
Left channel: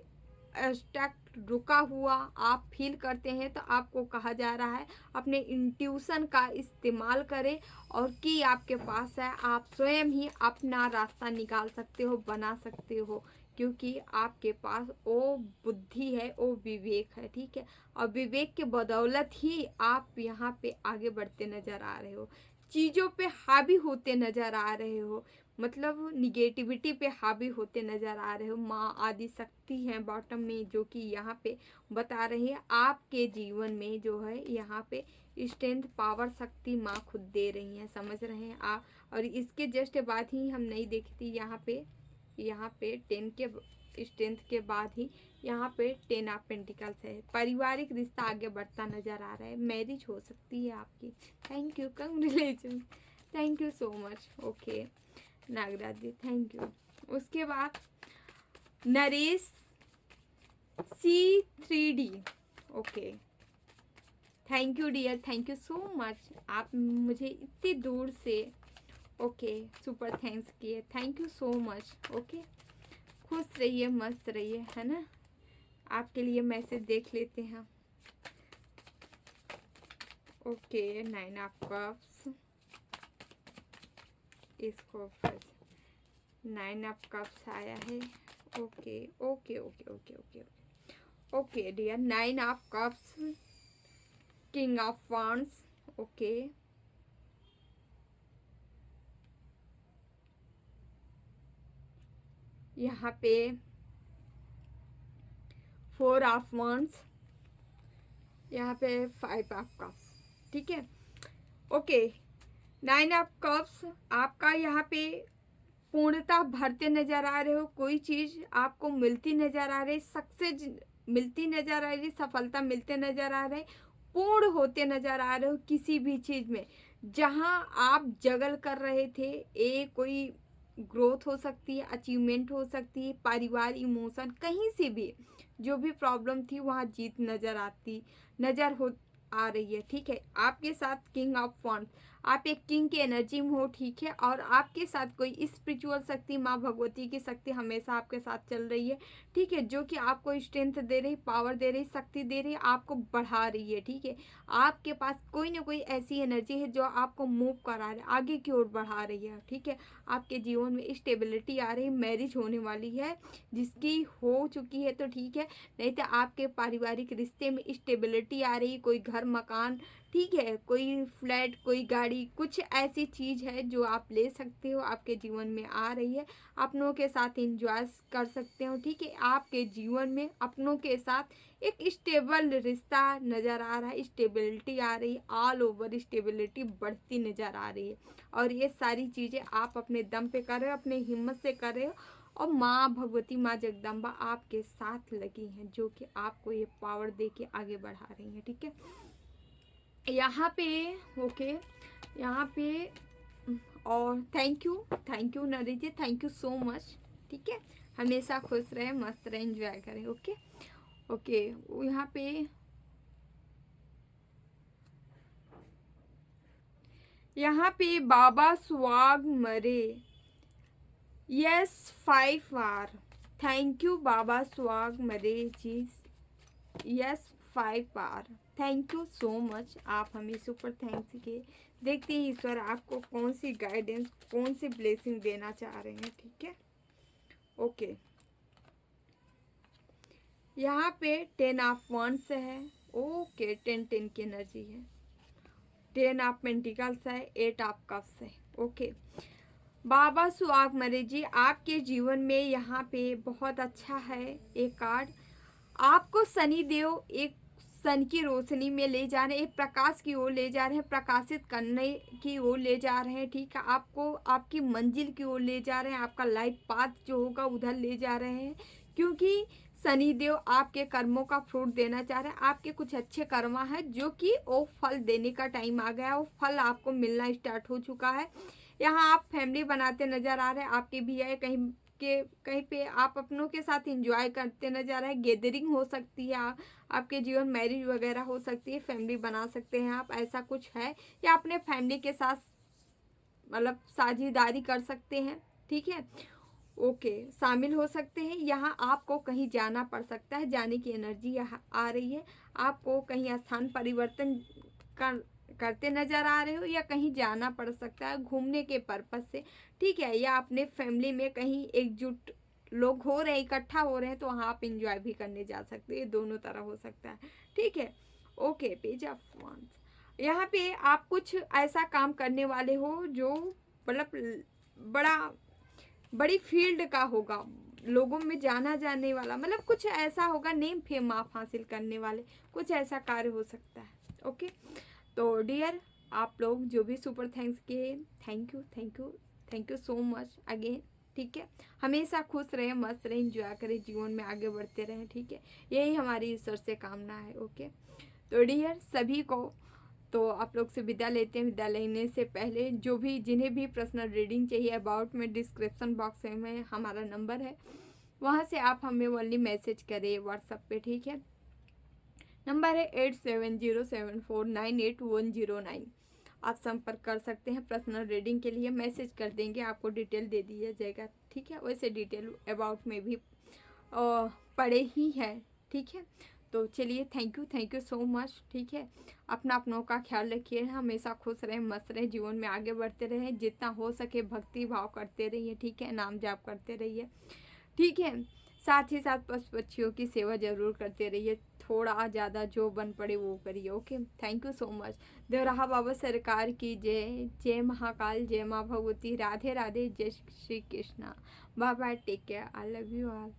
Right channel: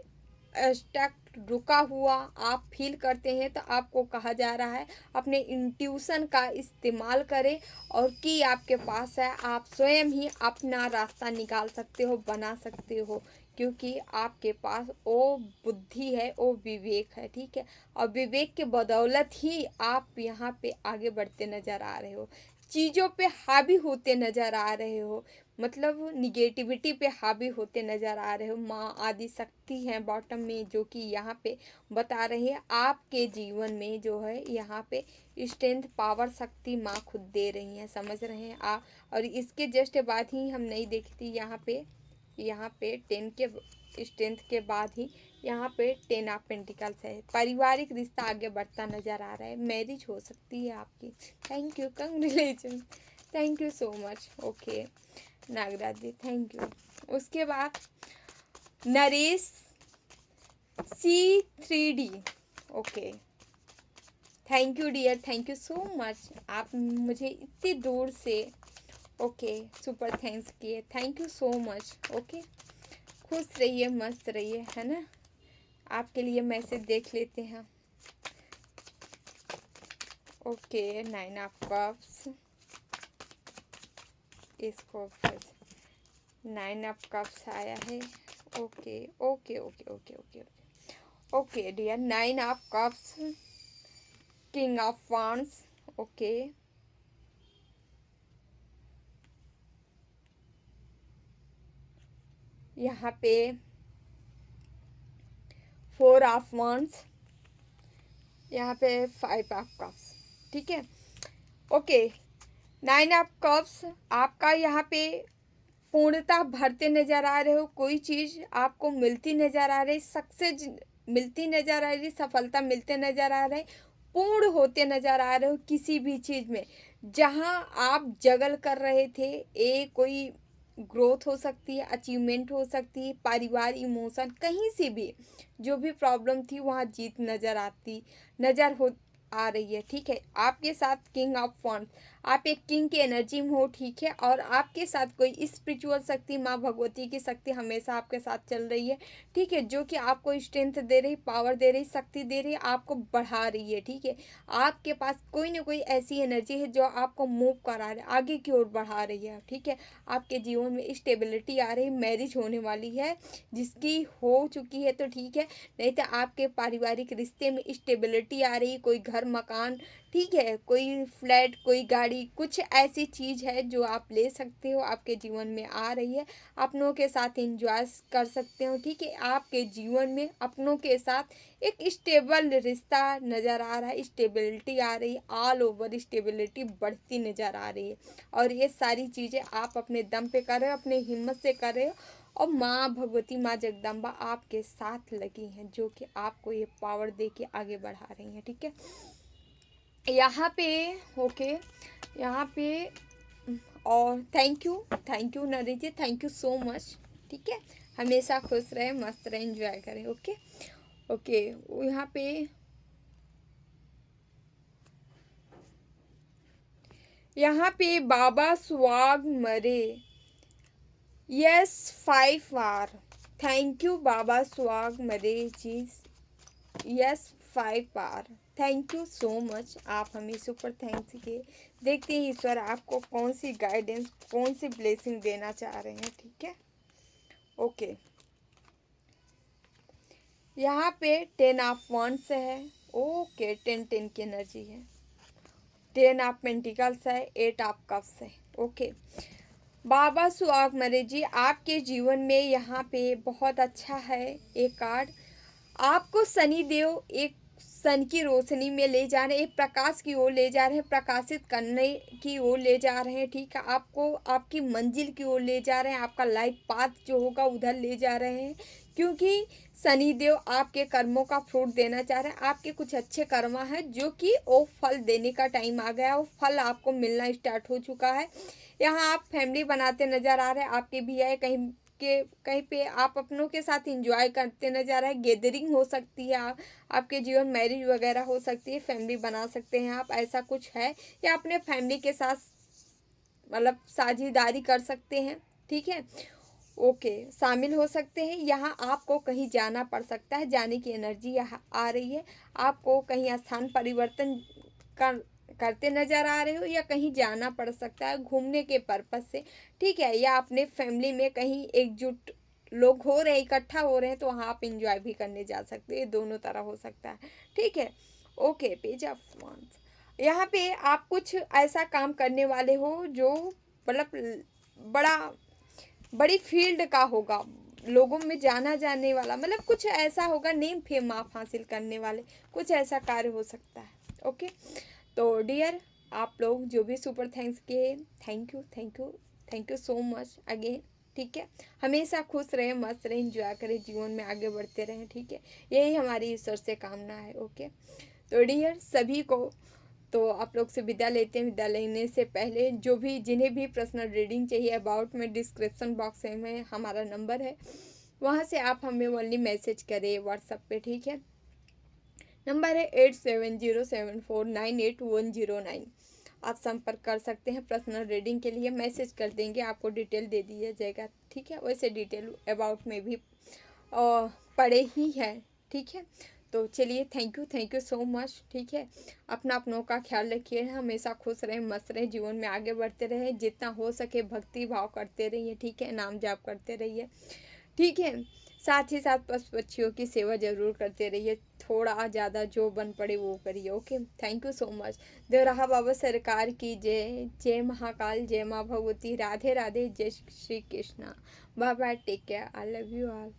स्टक रुका हुआ आप फील करते हैं तो आपको कहा जा रहा है अपने इंट्यूशन का इस्तेमाल करें, और कि आपके पास है, आप स्वयं ही अपना रास्ता निकाल सकते हो, बना सकते हो, क्योंकि आपके पास वो बुद्धि है, वो विवेक है, ठीक है। और विवेक के बदौलत ही आप यहाँ पे आगे बढ़ते नज़र आ रहे हो, चीज़ों पे हावी होते नज़र आ रहे हो, मतलब निगेटिविटी पे हावी होते नज़र आ रहे हो। माँ आदि शक्ति हैं बॉटम में, जो कि यहाँ पे बता रही है आपके जीवन में जो है यहाँ पे स्ट्रेंथ पावर शक्ति माँ खुद दे रही हैं, समझ रहे हैं आप। और इसके जस्ट बाद ही हम नहीं देखती यहाँ पे 10 के स्ट्रेंथ के बाद ही यहाँ पे 10 ऑफ पेंटिकल्स है। पारिवारिक रिश्ता आगे बढ़ता नज़र आ रहा है, मैरिज हो सकती है आपकी। Thank you, congratulation, thank you so much. Okay Nagraj ji, thank you. उसके बाद Naresh C3D, okay thank you dear, thank you so much. आप मुझे इतनी दूर से ओके सुपर थैंक्स किए, thank you so much. Okay खुश रहिए, मस्त रहिए, है ना। आपके लिए मैसेज देख लेते हैं। ओके 9 ऑफ कप्स, इसको 9 ऑफ कप्स आया है। Okay okay okay okay okay okay dear, 9 of cups, king of wands, okay यहाँ पे 4 ऑफ वांड्स, यहाँ पे 5 ऑफ कप्स, ठीक है। ओके 9 ऑफ कप्स, आपका यहाँ पे पूर्णता भरते नज़र आ रहे हो, कोई चीज़ आपको मिलती नज़र आ रही, सक्सेस मिलती नज़र आ रही, सफलता मिलते नज़र आ रहे, पूर्ण होते नज़र आ रहे हो किसी भी चीज़ में। जहाँ आप जगल कर रहे थे, कोई ग्रोथ हो सकती है, अचीवमेंट हो सकती है, परिवार, इमोशन, कहीं से भी जो भी प्रॉब्लम थी वहाँ जीत नज़र हो आ रही है, ठीक है। आपके साथ किंग ऑफ वॉन्ड्स, आप एक किंग की एनर्जी में हो, ठीक है, और आपके साथ कोई स्पिरिचुअल शक्ति, माँ भगवती की शक्ति हमेशा आपके साथ चल रही है, ठीक है, जो कि आपको स्ट्रेंथ दे रही, पावर दे रही, शक्ति दे रही, आपको बढ़ा रही है, ठीक है। आपके पास कोई ना कोई ऐसी एनर्जी है जो आपको मूव करा रही है, आगे की ओर बढ़ा रही है, ठीक है। आपके जीवन में स्टेबिलिटी आ रही, मैरिज होने वाली है, जिसकी हो चुकी है तो ठीक है, नहीं तो आपके पारिवारिक रिश्ते में स्टेबिलिटी आ रही, कोई घर मकान, ठीक है, कोई फ्लैट, कोई गाड़ी, कुछ ऐसी चीज़ है जो आप ले सकते हो, आपके जीवन में आ रही है, अपनों के साथ एंजॉय कर सकते हो, ठीक है। आपके जीवन में अपनों के साथ एक स्टेबल रिश्ता नज़र आ रहा है, स्टेबिलिटी आ रही, ऑल ओवर स्टेबिलिटी बढ़ती नज़र आ रही है, और ये सारी चीज़ें आप अपने दम पे कर रहे हो, अपने हिम्मत से कर रहे हो, और माँ भगवती, माँ जगदम्बा आपके साथ लगी हैं, जो कि आपको ये पावर दे के आगे बढ़ा रही हैं, ठीक है। यहाँ पे ओके, यहाँ पे और thank you Naresh ji, thank you so much. ठीक है, हमेशा खुश रहे, मस्त रहे, एंजॉय करें। Okay okay. यहाँ पे बाबा स्वाग मरे, यस 5 आर, थैंक यू बाबा स्वाग मरे जी, yes 5 R, thank you so much. आप हमें सुपर थैंक्स किए। देखते हैं ईश्वर आपको कौन सी गाइडेंस, कौन सी ब्लेसिंग देना चाह रहे हैं। ठीक है, ओके। यहाँ पे 10 ऑफ वंड्स है, ओके, 10 की एनर्जी है, 10 ऑफ पेंटिकल्स है, 8 ऑफ कप्स है। ओके, बाबा सुहाग मरे जी, आपके जीवन में यहाँ पे बहुत अच्छा है एक कार्ड। आपको शनि देव एक सन की रोशनी में ले जा रहे हैं, एक प्रकाश की ओर ले जा रहे हैं, प्रकाशित करने की ओर ले जा रहे हैं। ठीक है, आपको आपकी मंजिल की ओर ले जा रहे हैं, आपका लाइफ पाथ जो होगा उधर ले जा रहे हैं, क्योंकि शनि देव आपके कर्मों का फ्रूट देना चाह रहे हैं। आपके कुछ अच्छे कर्मा है जो कि वो फल देने का टाइम आ गया है, वो फल आपको मिलना स्टार्ट हो चुका है। यहाँ आप फैमिली बनाते नजर आ रहे हैं, आपके भी है कहीं पे आप अपनों के साथ एंजॉय करते नजर आ रहे हैं। गैदरिंग हो सकती है, आपके जीवन मैरिज वगैरह हो सकती है, फैमिली बना सकते हैं आप, ऐसा कुछ है, या अपने फैमिली के साथ मतलब साझेदारी कर सकते हैं। ठीक है, ओके, शामिल हो सकते हैं। यहाँ आपको कहीं जाना पड़ सकता है, जाने की एनर्जी यहाँ आ रही है। आपको कहीं स्थान परिवर्तन करते नजर आ रहे हो, या कहीं जाना पड़ सकता है घूमने के पर्पज से। ठीक है, या अपने फैमिली में कहीं एकजुट लोग हो रहे हैं, इकट्ठा हो रहे हैं, तो वहाँ आप इंजॉय भी करने जा सकते हैं, दोनों तरह हो सकता है। ठीक है, ओके, पेज ऑफ वांड्स। यहाँ पे आप कुछ ऐसा काम करने वाले हो जो मतलब बड़ा बड़ी फील्ड का होगा, लोगों में जाना जाने वाला, मतलब कुछ ऐसा होगा, नेम फेम आप हासिल करने वाले, कुछ ऐसा कार्य हो सकता है। ओके, तो डियर आप लोग जो भी सुपर थैंक्स किए, thank you thank you thank you so much again. ठीक है, हमेशा खुश रहें, मस्त रहें, इंजॉय करें, जीवन में आगे बढ़ते रहें। ठीक है, यही हमारी ईश्वर से कामना है। ओके, तो डियर सभी को तो आप लोग से विदा लेते हैं। विदा लेने से पहले जो भी जिन्हें भी पर्सनल रीडिंग चाहिए, अबाउट में डिस्क्रिप्शन बॉक्स में हमारा नंबर है, वहाँ से आप हमें ओनली मैसेज करें व्हाट्सएप पे। ठीक है, नंबर है 8707498109। आप संपर्क कर सकते हैं पर्सनल रीडिंग के लिए, मैसेज कर देंगे, आपको डिटेल दे दिया जाएगा। ठीक है, वैसे डिटेल अबाउट में भी पड़े ही है। ठीक है, तो चलिए थैंक यू सो मच। ठीक है, अपनों का ख्याल रखिए, हमेशा खुश रहें, मस्त रहें, जीवन में आगे बढ़ते रहें, जितना हो सके भक्ति भाव करते रहिए। ठीक है, नाम जाप करते रहिए। ठीक है, साथ ही साथ पशु पक्षियों की सेवा जरूर करते रहिए, थोड़ा ज़्यादा जो बन पड़े वो करिए। Okay, thank you so much. Devraha Baba सरकार की जय। जय महाकाल, जय माँ भगवती, राधे राधे, जय Shri Krishna. Bye bye, take care, I love you all.